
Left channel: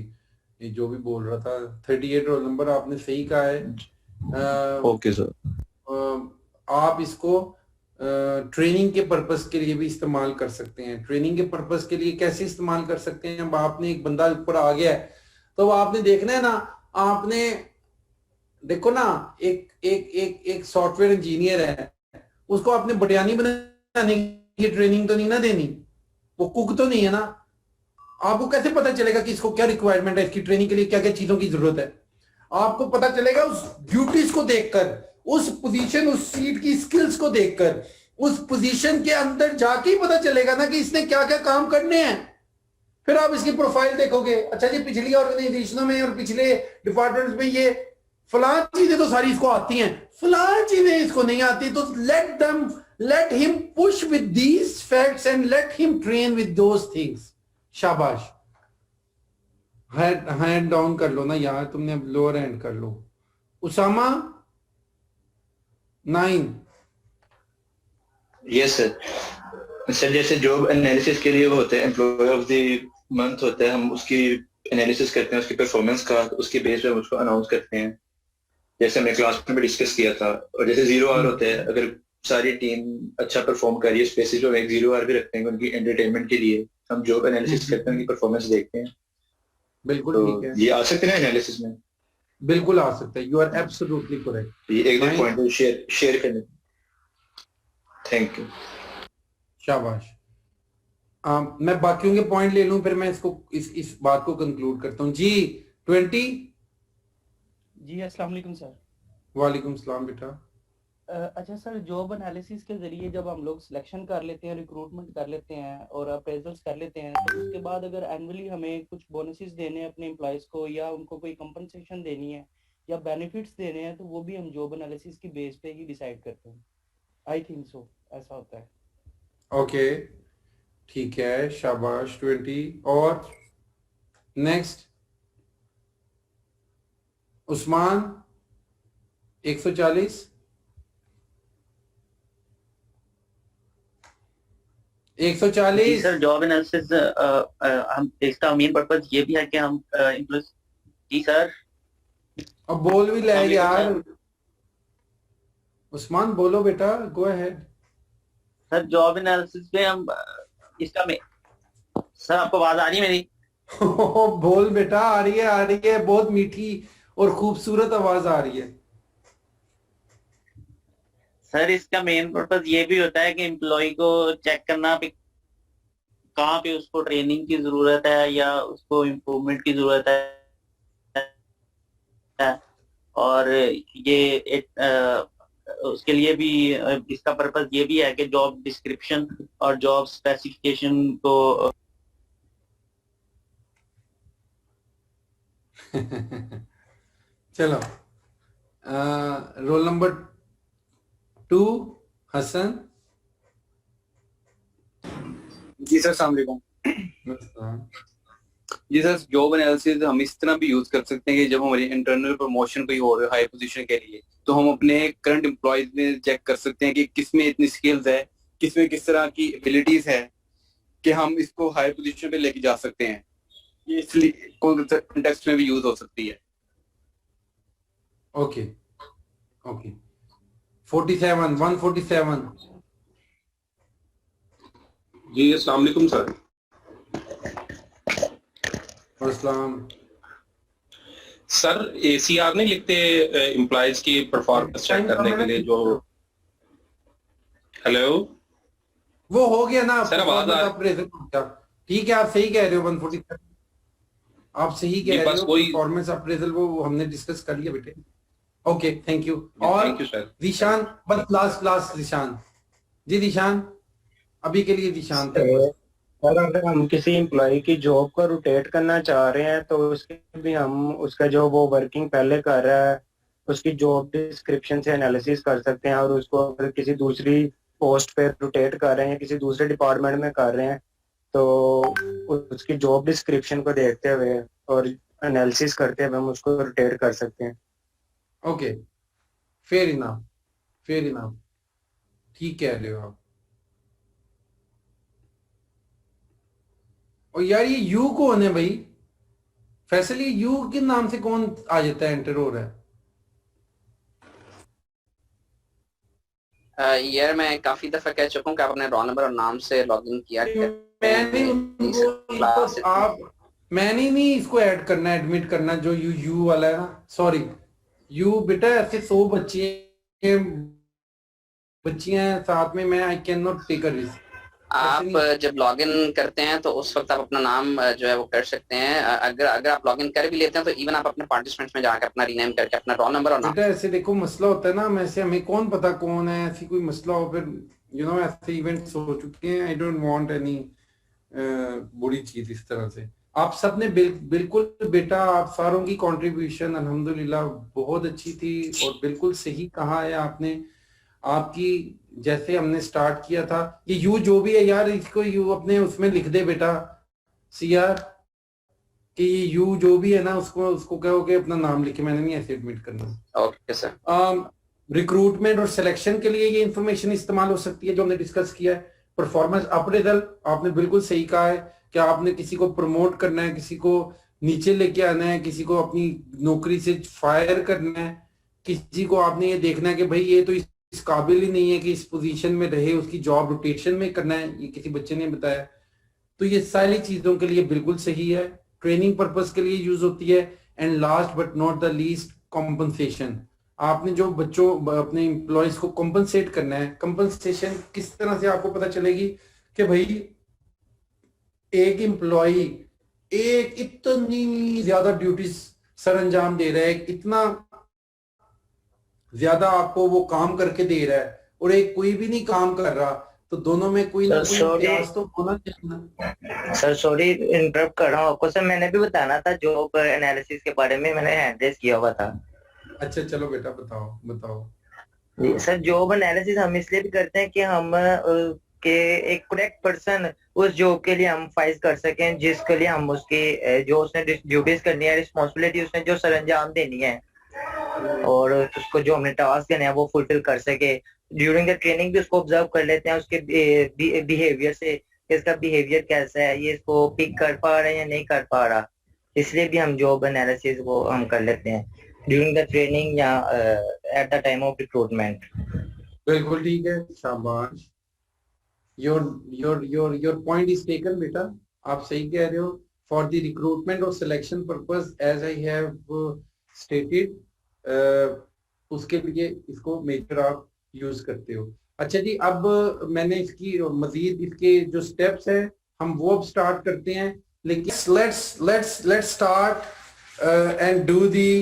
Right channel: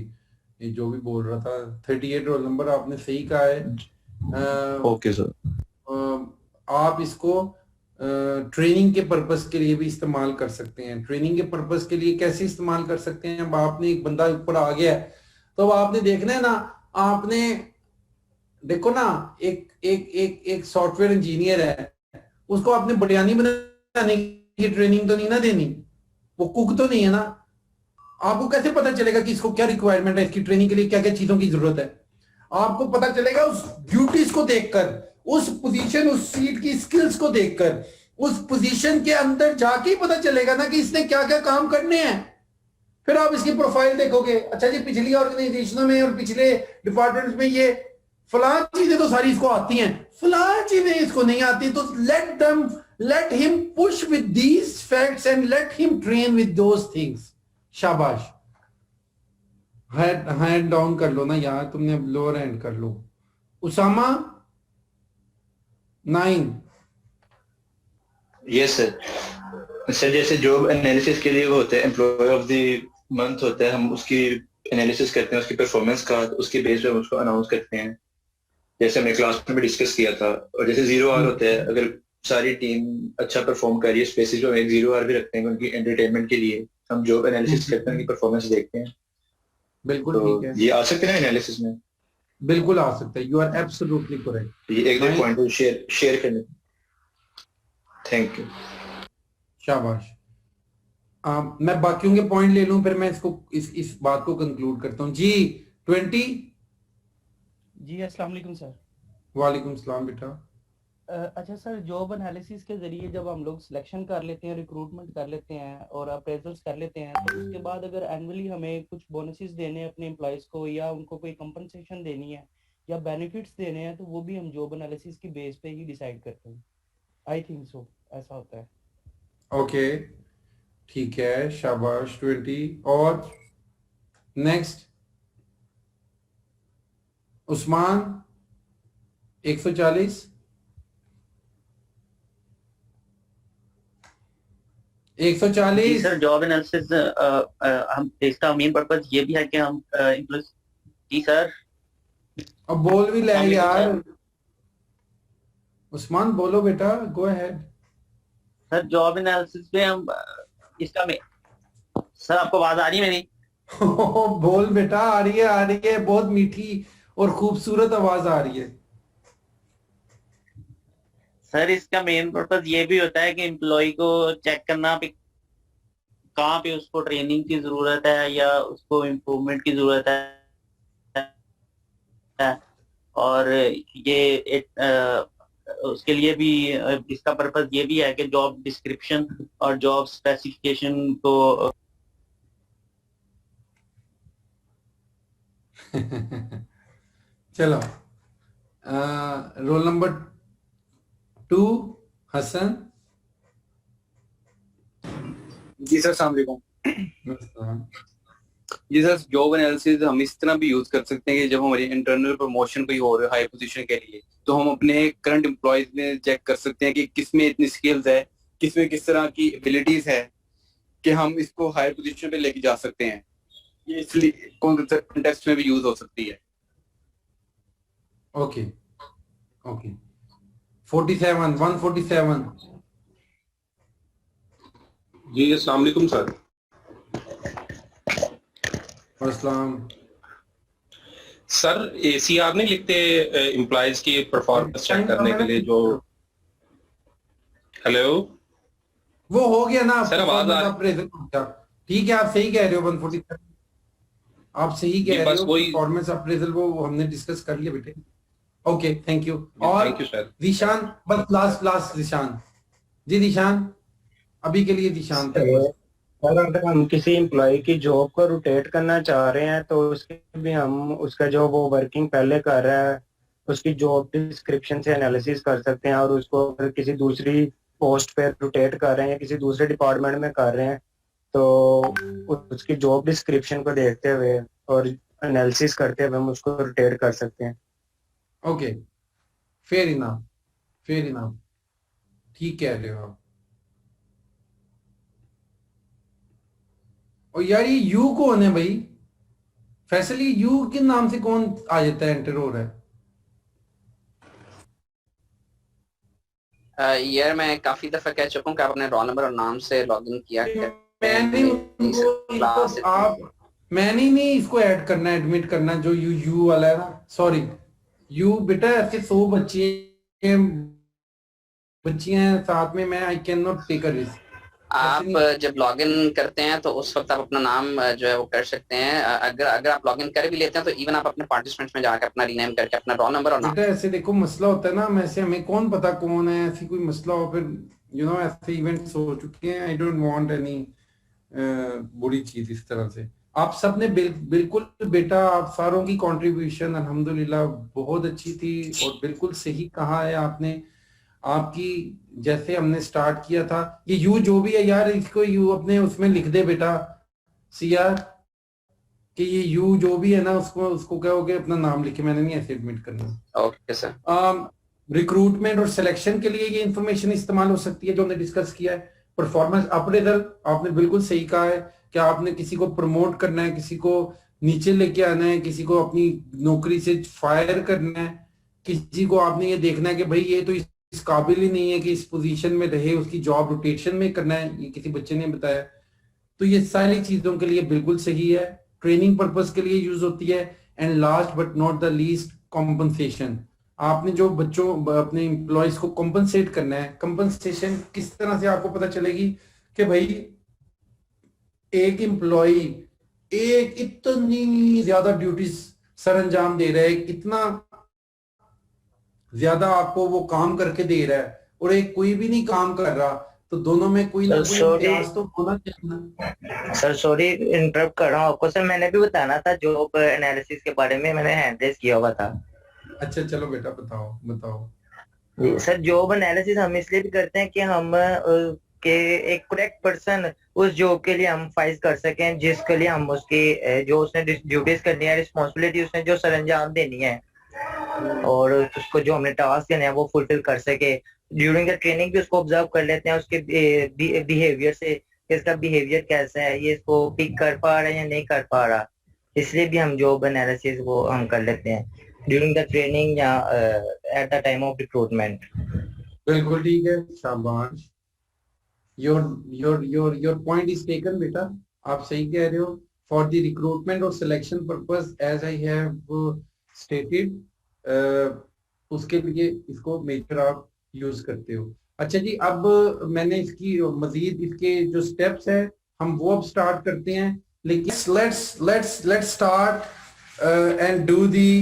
ये जो भी बोल रहा था, 38 रोल नंबर आपने सही कहा है। Okay sir. आप इसको ट्रेनिंग के पर्पस के लिए भी इस्तेमाल कर सकते हैं। ट्रेनिंग के पर्पस के लिए कैसे इस्तेमाल कर सकते हैं? अब आपने एक बंदा ऊपर आ गया है तो आपने देखना है ना, आपने देखो ना, एक एक एक एक सॉफ्टवेयर इंजीनियर है, उसको आपने बटियानी बनाने की ट्रेनिंग तो नहीं ना देनी, वो कुक तो नहीं है ना। आपको कैसे पता चलेगा कि इसको क्या रिक्वायरमेंट है, इसकी ट्रेनिंग के लिए क्या क्या चीजों की जरूरत है? आपको पता चलेगा उस ड्यूटीज को देखकर, उस पोजीशन, उस सीट की स्किल्स को देखकर, उस पोजीशन के अंदर जाके ही पता चलेगा ना कि इसने क्या क्या काम करने हैं। फिर आप इसकी प्रोफाइल देखोगे, अच्छा जी पिछली ऑर्गेनाइजेशनों में और पिछले डिपार्टमेंट्स में ये फलां चीजें तो सारी इसको आती हैं, फलां चीजें इसको नहीं आती, तो let him push with these facts and let him train with those things. शाबाश। हैंड डाउन कर लो ना यार, तुमने अब लोअर हैंड कर लो। उसामा 9। Yes sir. सर जैसे जॉब एनालिसिस के लिए वो होते हैं, एम्प्लॉय ऑफ द मंथ होता है, हम उसकी एनालिसिस करते हैं, उसकी परफॉर्मेंस का, उसके बेस पे हम उसको अनाउंस करते हैं, जैसे हमने क्लास में भी डिस्कस किया था। और जैसे 0 आवर होता है, अगर सारी टीम अच्छा परफॉर्म कर रही है स्पेसिस पे, 0 आवर भी रखते हैं उनकी एंटरटेनमेंट के लिए, हम जॉब एनालिसिस करते हैं, उनकी परफॉर्मेंस देखते हैं। बिल्कुल तो ठीक है, ये आ सकते हैं एनालिसिस में, बिल्कुल आ सकता है। You are absolutely correct. ये एक दो पॉइंट शेयर करने। Thank you. शाबाश। मैं बाकियों के पॉइंट ले लूं, फिर मैं इसको इस बात को कंक्लूड करता हूं जी। 20। जी अस्सलाम वालेकुम सर। वालेकुम सलाम बेटा। अच्छा सर, जॉब एनालिसिस के जरिए जब हम लोग सिलेक्शन कर लेते हैं, रिक्रूटमेंट कर लेते हैं और अप्रेजल्स कर लेते हैं, तो उसके बाद अगर एनुअली हमें कुछ बोनसेस देने हैं अपने एम्प्लॉयज़ को, या उनको कोई कंपनसेशन देनी है या बेनिफिट्स देने हैं, तो वो भी हम जॉब एनालिसिस की बेस पे ही डिसाइड करते हैं। आई थिंक सो, ऐसा होता है। ओके ठीक है, शाबाश 20। और next Usman 140। 140। Sir job analysis हम इसका मेन पर्पस ये भी है कि हम एम्प्लॉयज। जी सर। अब बोल भी ले अस्सलाम यार, वालेकुम उस्मान बोलो बेटा, go ahead. Sir job analysis में हम इसका में सर आपको आवाज आ रही है मेरी? बोल बेटा, आ रही है, बहुत मीठी और खूबसूरत आवाज आ रही है। सर इसका मेन पर्पस ये भी होता है कि एम्प्लॉय को चेक करना पे कहाँ पे उसको ट्रेनिंग की जरूरत है या उसको इम्प्रूवमेंट की जरूरत है, और ये उसके लिए भी इसका पर्पस ये भी है कि जॉब डिस्क्रिप्शन और जॉब स्पेसिफिकेशन को चलो, रोल नंबर 2 हसन। जी सर, अस्सलाम वालेकुम। जी सर, जॉब एनालिसिस हम इस तरह भी यूज कर सकते हैं कि जब हमारी इंटरनल प्रमोशन कोई हो रही है हाई पोजीशन के लिए, तो हम अपने करंट एम्प्लॉयज में चेक कर सकते हैं कि किसमें इतनी स्किल्स है, किसमें किस तरह की एबिलिटीज है कि हम इसको हायर पोजीशन पे लेके जा सकते हैं। ये इसलिए कॉन्टेक्स्ट में भी यूज हो सकती है। ओके 47 147। जी अस्सलाम वालेकुम सर। अस्सलाम। सर ACR नहीं लिखते एम्प्लॉयज की परफॉर्मेंस चेक करने के लिए जो? हेलो, वो हो गया ना सर, आवाज आ अप्रेजल। ठीक है, आप सही कह रहे हो 147, आप सही कह रहे हो। परफॉर्मेंस अप्रेजल वो हमने डिस्कस कर लिया बेटे। Okay thank you. और थैंक यू सर। दिशान, बस लास्ट दिशान जी। दिशान अभी के लिए दिशान थे। सर अगर हम किसी एम्प्लॉय की जॉब को रोटेट करना चाह रहे हैं तो उसके भी हम उसका जो वो वर्किंग पहले कर रहा है उसकी जॉब डिस्क्रिप्शन से एनालिसिस कर सकते हैं, और उसको अगर किसी दूसरी पोस्ट पे रोटेट कर रहे हैं, किसी दूसरे डिपार्टमेंट में कर रहे हैं, तो उसकी जॉब डिस्क्रिप्शन को देखते हुए और एनालिसिस करते हुए हम उसको रोटेट कर सकते हैं। ओके, फेयर इनफ, ठीक कह रहे हो आप। और यार ये यू कौन है भाई? फैसल ये यू के नाम से कौन आ जाता है, एंटर हो रहा है? यार मैं काफी दफा कह चुका हूँ कि आप अपने रोल नंबर और नाम से लॉगिन किया मैंने नहीं इसको ऐड करना, एडमिट करना, जो यू वाला है ना, सॉरी यू बेटा, ऐसे 100 बच्चियां हैं साथ में, मैं I can not take a risk. आप जब लॉगिन करते हैं तो उस वक्त आप अपना नाम जो है वो कर सकते हैं। अगर आप लॉगिन कर भी लेते हैं तो इवन आप अपने पार्टिसिपेंट्स में जाकर अपना रीनेम करके अपना रोल नंबर और नाम। बेटा ऐसे देखो मसला होता है ना, मैं से हमें कौन पता कौन है, ऐसी कोई मसला हो फिर यू नो ऐसे इवेंट्स हो चुके हैं। आई डोंट वांट एनी बुरी चीज इस तरह से। आप सब ने बिल्कुल बेटा, आप सारों की कंट्रीब्यूशन अल्हम्दुलिल्लाह बहुत अच्छी थी और बिल्कुल सही कहा है आपने। आपकी जैसे हमने स्टार्ट किया था, ये यू जो भी है यार, इसको यू अपने उसमें लिख दे बेटा सिया, कि ये यू जो भी है ना उसको कहोगे अपना नाम लिखे, मैंने नहीं ऐसे एडमिट करना। Okay sir. रिक्रूटमेंट और सिलेक्शन के लिए ये इंफॉर्मेशन इस्तेमाल हो सकती है जो हमने डिस्कस किया है। परफॉर्मेंस अप्रेजल, आपने बिल्कुल सही कहा है कि आपने किसी को प्रमोट करना है, किसी को नीचे लेके आना है, किसी को अपनी नौकरी से फायर करना है, किसी को आपने ये देखना है कि भाई ये तो इस काबिल ही नहीं है कि इस पोजीशन में रहे, उसकी जॉब रोटेशन में करना है, ये किसी बच्चे ने बताया। तो ये सारी चीजों के लिए बिल्कुल सही है, ट्रेनिंग पर्पस के लिए यूज होती है। And last but not the least, compensation. आपने जो बच्चों अपने एम्प्लॉयज को कॉम्पनसेट करना है। कॉम्पनसेशन किस तरह से आपको पता चलेगी कि भाई एक एम्प्लॉय एक इतनी ज्यादा ड्यूटीज सर अंजाम दे रहा है, इतना ज्यादा आपको वो काम करके दे रहा है, और एक कोई भी नहीं काम कर रहा, तो दोनों में कोई ना कोई इम्तियाज तो होना चाहिए। सर सॉरी इंटरप्ट कर रहा हूँ आपको। सर मैंने भी बताना था जॉब एनालिसिस के बारे में, मैंने हैंड रेज किया हुआ था। अच्छा चलो बेटा बताओ। जी सर, जॉब एनालिसिस हम इसलिए भी करते हैं कि हम के एक करेक्ट पर्सन उस जॉब के लिए हम फाइज कर सकें, जिसके लिए हम उसकी जो उसने ड्यूटीज करनी है, रिस्पॉन्सिबिलिटी उसने जो सर अंजाम देनी है, और उसको जो हमने टास्क देने हैं वो फुलफिल कर सके। ड्यूरिंग द ट्रेनिंग भी उसको ऑब्जर्व कर लेते हैं उसके बिहेवियर से, इसका बिहेवियर कैसा है, ये इसको पिक कर पा रहा है या नहीं कर पा रहा। इसलिए भी हम जॉब एनालिसिस वो हम कर लेते हैं ड्यूरिंग द ट्रेनिंग या at the time of recruitment. बिल्कुल ठीक है, शाबाश। योर पॉइंट इज टेकन बेटा, आप सही कह रहे हो। फॉर द रिक्रूटमेंट और selection purpose as I have stated, उसके लिए इसको मेजर आप यूज करते हो। अच्छा जी, अब मैंने इसकी मजीद इसके जो स्टेप्स है हम वो अब स्टार्ट करते हैं, लेकिन let's start and do the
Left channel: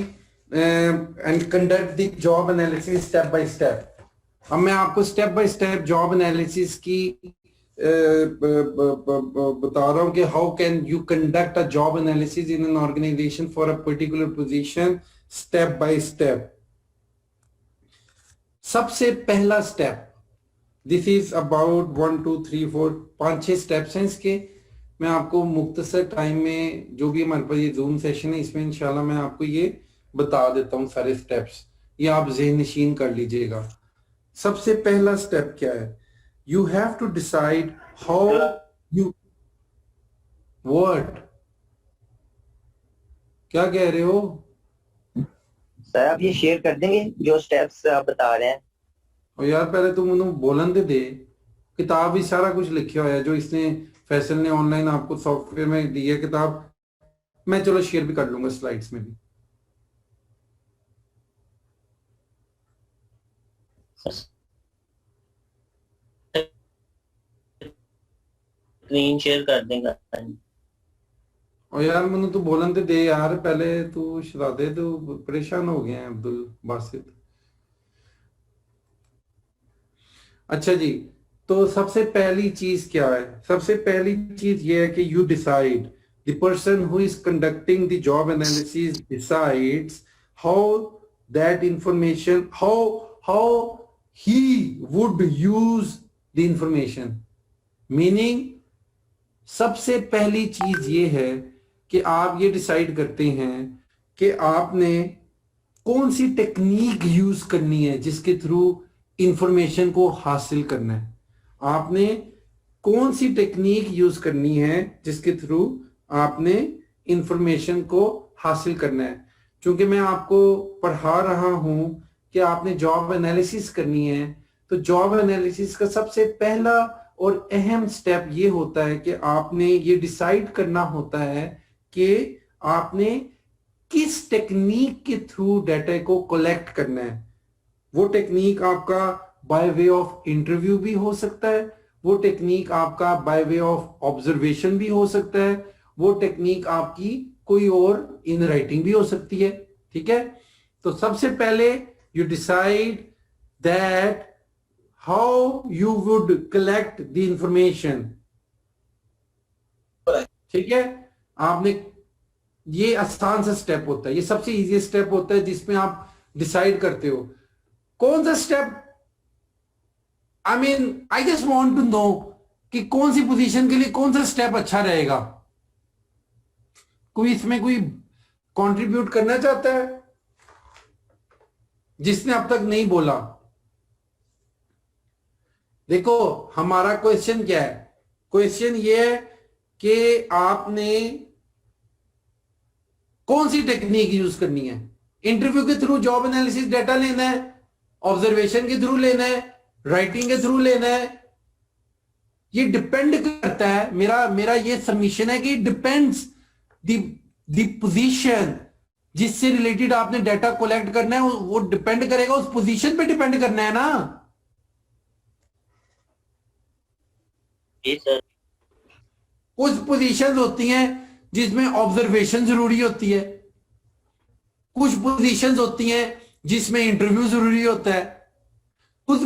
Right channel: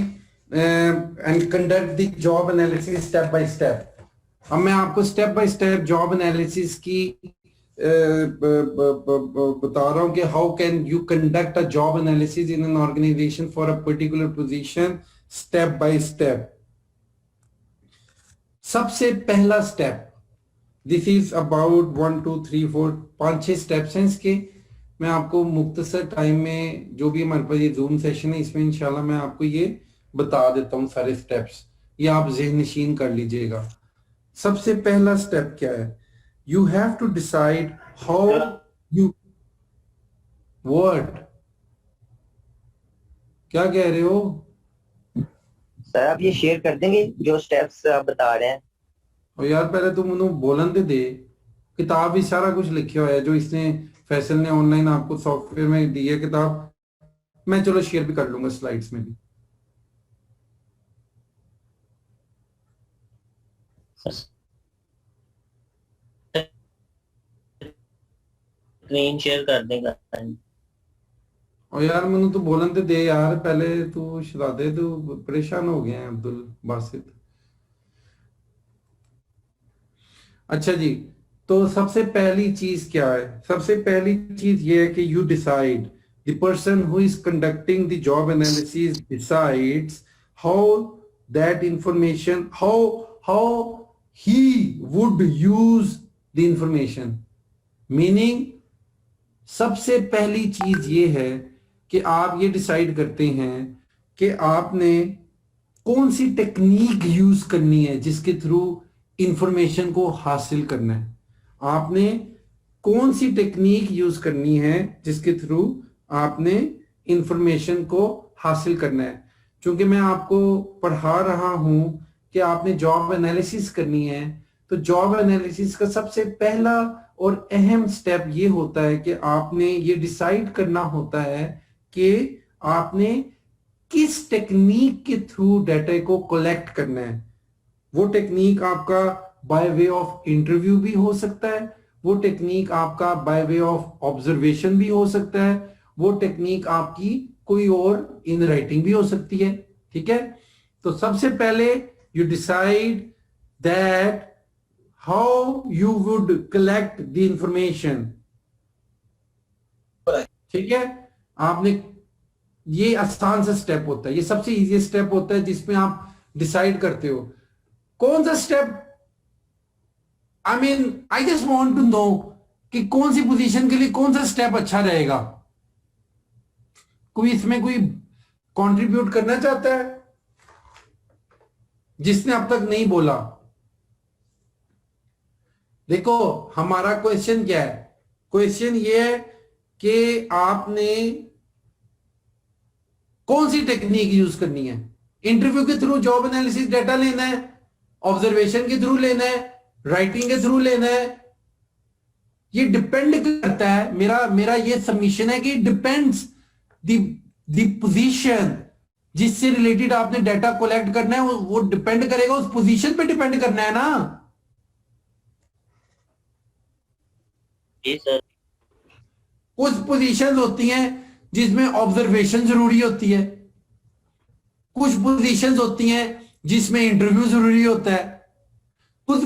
and conduct the job analysis step by step. अब मैं आपको step by step job analysis की बता रहा हूं कि how can you conduct a job analysis in an organisation for a particular position, step by step. सबसे पहला step, this is about 1 2 3 4 5-6 steps हैं इसके। मैं आपको मुख्तसर टाइम में, जो भी हमारे पास ये जूम सेशन है, इसमें इंशाल्लाह मैं आपको ये बता देता हूँ सारे स्टेप्स, ये आप ज़हन नशीन कर लीजिएगा। सबसे पहला स्टेप क्या है? You have to decide how you word, क्या कह रहे हो सर? आप ये शेयर कर देंगे जो स्टेप्स आप बता रहे हैं? और यार पहले तुम उन्होंने बोलन दे, किताब भी सारा कुछ लिखा हुआ है जो इसने फैसल ने ऑनलाइन आपको सॉफ्टवेयर में दी है किताब। मैं चलो शेयर भी कर लूंगा स्लाइड्स में भी। स्क्रीन शेयर कर देगा। और यार मैंने तो बोलन दे यार, पहले तू शरादे, तू परेशान हो गए हैं अब्दुल बासित। अच्छा जी, तो सबसे पहली चीज क्या है? सबसे पहली चीज ये है कि you decide, the person who is conducting the job analysis decides how that information, how he would use the information। Meaning सबसे पहली चीज ये है कि आप ये डिसाइड करते हैं कि आपने कौन सी टेक्निक यूज करनी है जिसके थ्रू इंफॉर्मेशन को हासिल करना है। आपने कौन सी टेक्निक यूज करनी है जिसके थ्रू आपने इंफॉर्मेशन को हासिल करना है। क्योंकि मैं आपको पढ़ा रहा हूं कि आपने जॉब एनालिसिस करनी है, तो जॉब एनालिसिस का सबसे पहला और अहम स्टेप ये होता है कि आपने ये डिसाइड करना होता है कि आपने किस टेक्निक के थ्रू डाटा को कलेक्ट करना है। वो टेक्निक आपका बाय वे ऑफ इंटरव्यू भी हो सकता है, वो टेक्निक आपका बाय वे ऑफ ऑब्जर्वेशन भी हो सकता है, वो टेक्निक आपकी कोई और इन राइटिंग भी हो सकती है। ठीक है, तो सबसे पहले you decide that how you would collect the information. ठीक है, आपने ये आसान सा स्टेप होता है, ये सबसे इजीएस्ट स्टेप होता है जिसमें आप डिसाइड करते हो कौन सा step. I just want to know कि कौन सी पोजीशन के लिए कौन सा स्टेप अच्छा रहेगा। कोई इसमें कोई कंट्रीब्यूट करना चाहता है जिसने अब तक नहीं बोला? देखो हमारा क्वेश्चन क्या है, क्वेश्चन ये है कि आपने कौन सी टेक्निक यूज करनी है। इंटरव्यू के थ्रू जॉब एनालिसिस डाटा लेना है, ऑब्जर्वेशन के थ्रू लेना है, राइटिंग के थ्रू लेना है, ये डिपेंड करता है। मेरा ये सबमिशन है कि डिपेंड्स द पोजीशन जिससे रिलेटेड आपने डाटा कलेक्ट करना है, वो डिपेंड करेगा, उस पोजीशन पे डिपेंड करना है ना। सर कुछ पोजीशन होती हैं जिसमें ऑब्जर्वेशन जरूरी होती है, कुछ पोजीशंस होती हैं जिसमें इंटरव्यू जरूरी होता है, कुछ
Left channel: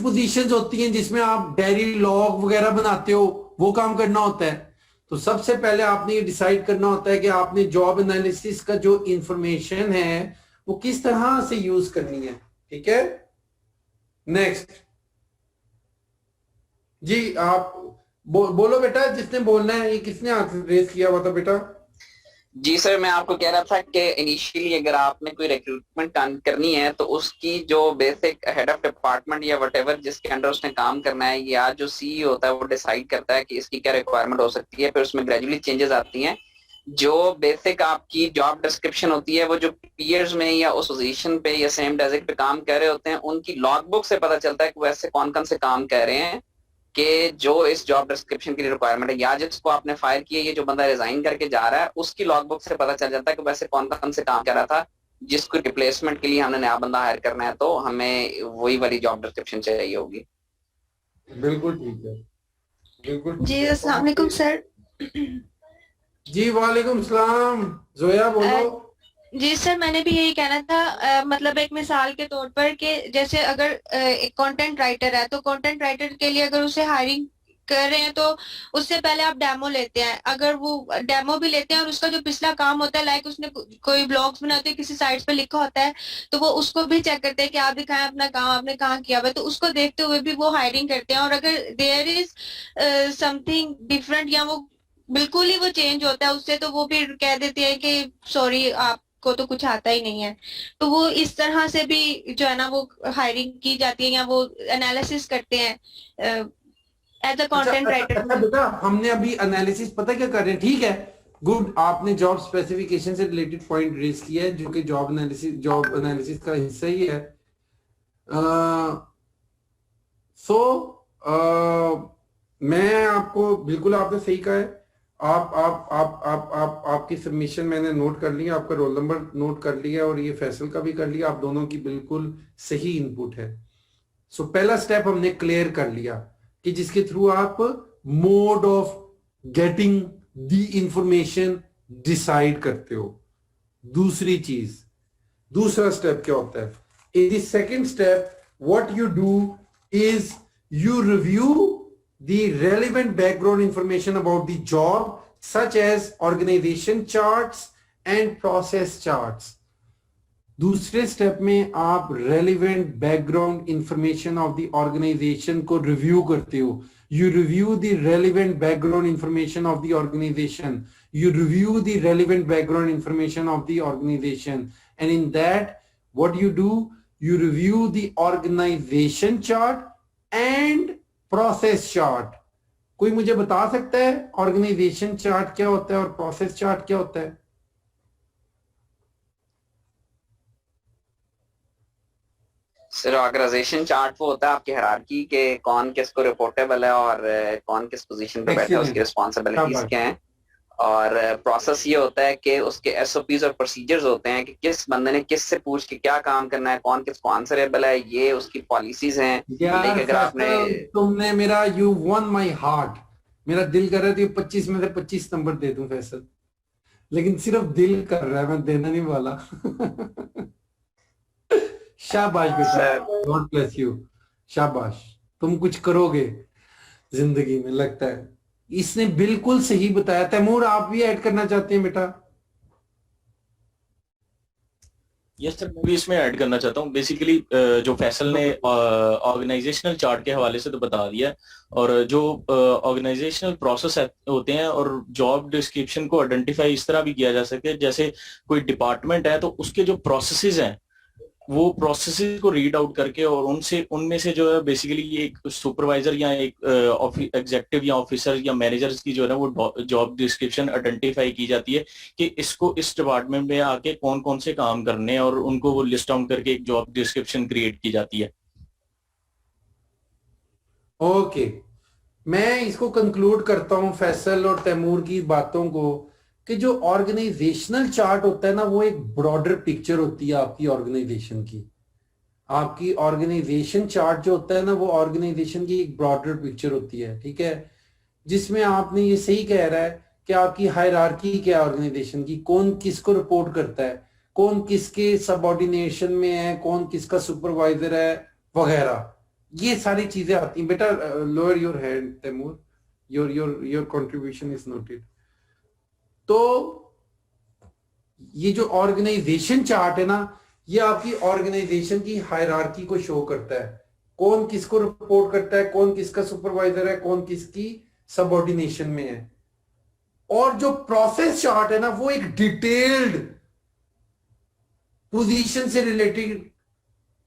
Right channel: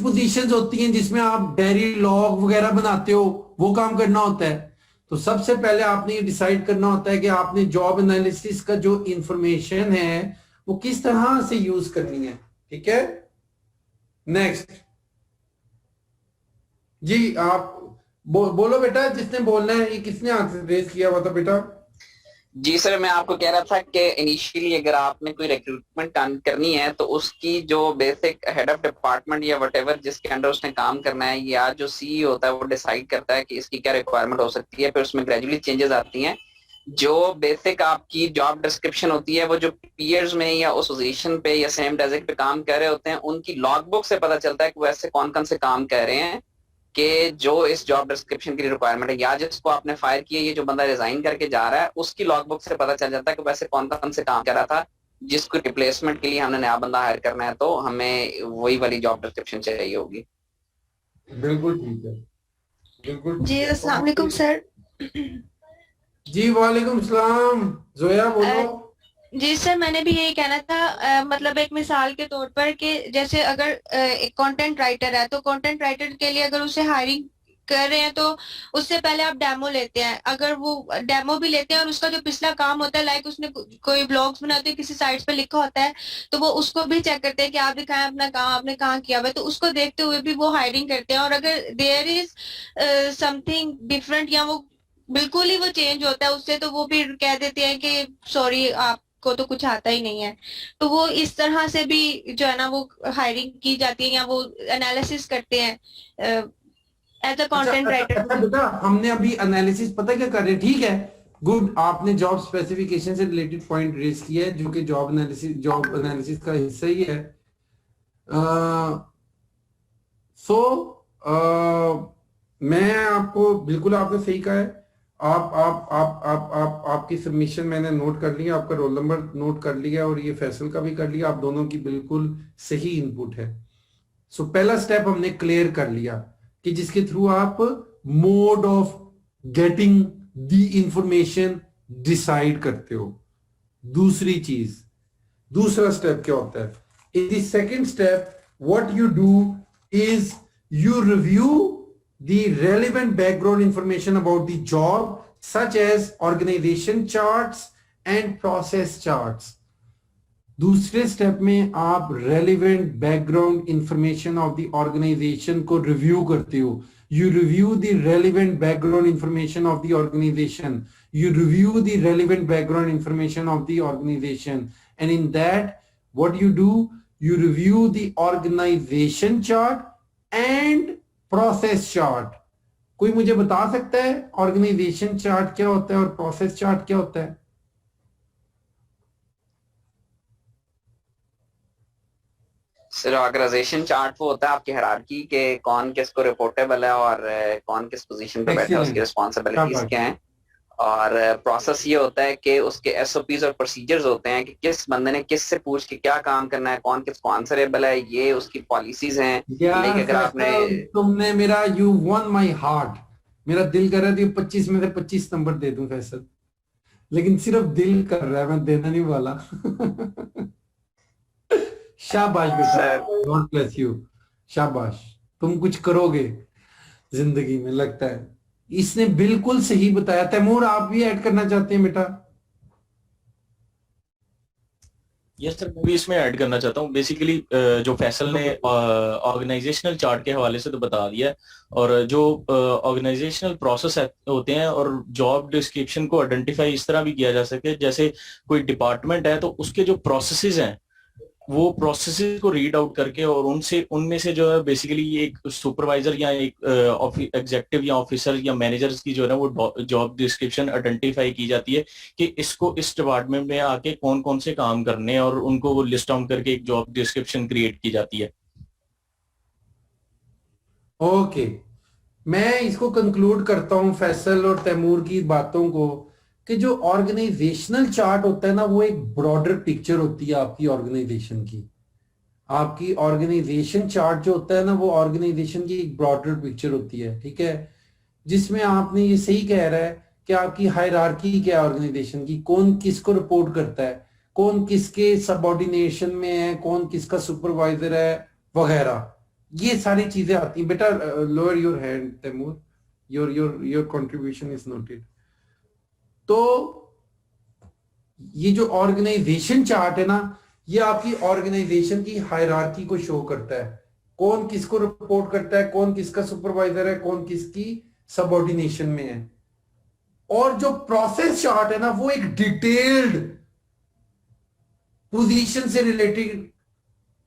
पोजीशंस होती हैं जिसमें आप डायरी लॉग वगैरह बनाते हो, वो काम करना होता है। तो सबसे पहले आपने ये डिसाइड करना होता है कि आपने जॉब एनालिसिस का जो इंफॉर्मेशन है वो किस तरह से यूज करनी है। ठीक है, नेक्स्ट जी आप बोलो बेटा, जिसने बोलना है। ये किसने आंसर रेज किया हुआ था बेटा? जी सर, मैं आपको कह रहा था कि इनिशियली अगर आपने कोई रिक्रूटमेंट करनी है तो उसकी जो बेसिक हेड ऑफ डिपार्टमेंट या व्हाटएवर जिसके अंडर उसने काम करना है, या जो सीईओ होता है वो डिसाइड करता है कि इसकी क्या रिक्वायरमेंट हो सकती है। फिर उसमें ग्रेजुअली चेंजेस आती हैं। जो बेसिक आपकी जॉब डिस्क्रिप्शन होती है, वो जो पीयर्स में या उस पोजीशन पे या सेम डेजिक पे काम कर रहे होते हैं, उनकी लॉगबुक से पता चलता है कि वो ऐसे कौन कौन से काम कर रहे हैं कि जो इस जॉब डिस्क्रिप्शन की रिक्वायरमेंट है। या जिसको आपने फायर किया, ये जो बंदा रिजाइन करके जा रहा है, उसकी लॉगबुक से पता चल जाता है कि वैसे कौन कौन से काम कर रहा था, जिसको रिप्लेसमेंट के लिए हमने नया बंदा हायर करना है तो हमें वही वाली जॉब डिस्क्रिप्शन चाहिए होगी। बिल्कुल ठीक है, बिल्कुल। जी अस्सलाम वालेकुम सर। जी वालेकुम सलाम। जोया बोलो। जी सर, मैंने भी यही कहना था, मतलब एक मिसाल के तौर पर कि जैसे अगर एक कंटेंट राइटर है तो कंटेंट राइटर के लिए अगर उसे हायरिंग कर रहे हैं तो उससे पहले आप डेमो लेते हैं। अगर वो डेमो भी लेते हैं और उसका जो पिछला काम होता है, लाइक उसने कोई ब्लॉग्स बनाते हैं, किसी साइट पे लिखा होता है, तो वो उसको भी चेक करते हैं कि आप दिखाएं अपना काम, आपने कहाँ किया हुआ है, तो उसको देखते हुए भी वो हायरिंग करते हैं। और अगर देयर इज समथिंग डिफरेंट या वो बिल्कुल ही वो चेंज होता है उससे, तो वो फिर कह देते हैं कि सॉरी आपको तो कुछ आता ही नहीं है। तो वो इस तरह से भी जो है ना वो हायरिंग की जाती है या वो एनालिसिस करते हैं एज अ कंटेंट राइटर। बेटा हमने अभी एनालिसिस पता क्या कर रहे हैं, ठीक है, गुड। आपने जॉब स्पेसिफिकेशन से रिलेटेड पॉइंट रेज किया है जो कि जॉब एनालिसिस का हिस्सा ही है। मैं आपको बिल्कुल आपने सही कहा है। आप आपकी सबमिशन मैंने नोट कर लिया, आपका रोल नंबर नोट कर लिया और ये फैसल का भी कर लिया। आप दोनों की बिल्कुल सही इनपुट है। सो पहला स्टेप हमने क्लियर कर लिया कि जिसके थ्रू आप mode of getting the information decide करते हो। दूसरा स्टेप क्या होता है? In the second step what you do is you review the relevant background information about the job such as organization charts and process charts. दूसरे step में आप relevant background information of the organization को review करते हो। You review the relevant background information of the organization. You review the relevant background information of the organization. And in that, what you do, you review the organization chart and process chart. कोई मुझे बता सकता है organisation chart क्या होता है और process chart क्या होता है? सर ऑर्गेनाइजेशन चार्ट वो होता है आपकी हायरार्की के कौन किसको रिपोर्टेबल है और कौन किस पोजीशन पे बैठा है, उसकी रिस्पॉन्सिबिलिटीज क्या हैं, और प्रोसेस ये होता है कि उसके एसओपीज और प्रोसीजर्स होते हैं कि किस बंदे ने किस से पूछ के क्या काम करना है, कौन किसको आंसरेबल है, ये उसकी पॉलिसीज हैं। लेकिन अगर आपने तुमने मेरा यू वन माई हार्ट, मेरा दिल कर रहा है 25 में से 25 नंबर दे दूं फैसल, लेकिन सिर्फ दिल कर रहा है, मैं देना नहीं वाला। शाबाश बेटा, गॉड ब्लेस यू, शाबाश, तुम कुछ करोगे जिंदगी में लगता है। इसने बिल्कुल सही बताया। तैमूर आप भी ऐड करना चाहते हैं बेटा? यस सर, मैं भी इसमें ऐड करना चाहता हूँ। बेसिकली जो फैसल ने ऑर्गेनाइजेशनल चार्ट के हवाले से तो बता दिया है, और जो ऑर्गेनाइजेशनल प्रोसेस होते हैं और जॉब डिस्क्रिप्शन को आइडेंटिफाई इस तरह भी किया जा सके, जैसे कोई डिपार्टमेंट है तो उसके जो प्रोसेसेस हैं वो प्रोसेसेस को रीड आउट करके और उनमें से जो है बेसिकली एक सुपरवाइजर या एक एग्जेक्टिव या ऑफिसर या मैनेजर्स की जो है ना वो जॉब डिस्क्रिप्शन आइडेंटिफाई की जाती है कि इसको इस डिपार्टमेंट में आके कौन कौन से काम करने हैं, और उनको वो लिस्ट आउट करके एक जॉब डिस्क्रिप्शन क्रिएट की जाती है। ओके, मैं इसको कंक्लूड करता हूं फैसल और तैमूर की बातों को, कि जो ऑर्गेनाइजेशनल चार्ट होता है ना वो एक ब्रॉडर पिक्चर होती है आपकी ऑर्गेनाइजेशन की। आपकी ऑर्गेनाइजेशन चार्ट जो होता है ना वो ऑर्गेनाइजेशन की एक ब्रॉडर पिक्चर होती है, ठीक है, जिसमें आपने ये सही कह रहा है कि आपकी हायरार्की क्या है ऑर्गेनाइजेशन की, कौन किसको रिपोर्ट करता है, कौन किसके सबऑर्डिनेशन में है, कौन किसका सुपरवाइजर है वगैरह, ये सारी चीजें आती हैं। बेटा lower your hand Taimur, your contribution is noted. तो ये जो ऑर्गेनाइजेशन चार्ट है ना ये आपकी ऑर्गेनाइजेशन की हायरार्की को शो करता है, कौन किसको रिपोर्ट करता है, कौन किसका सुपरवाइजर है, कौन किसकी सबऑर्डिनेशन में है। और जो प्रोसेस चार्ट है ना वो एक डिटेल्ड पोजीशन से रिलेटेड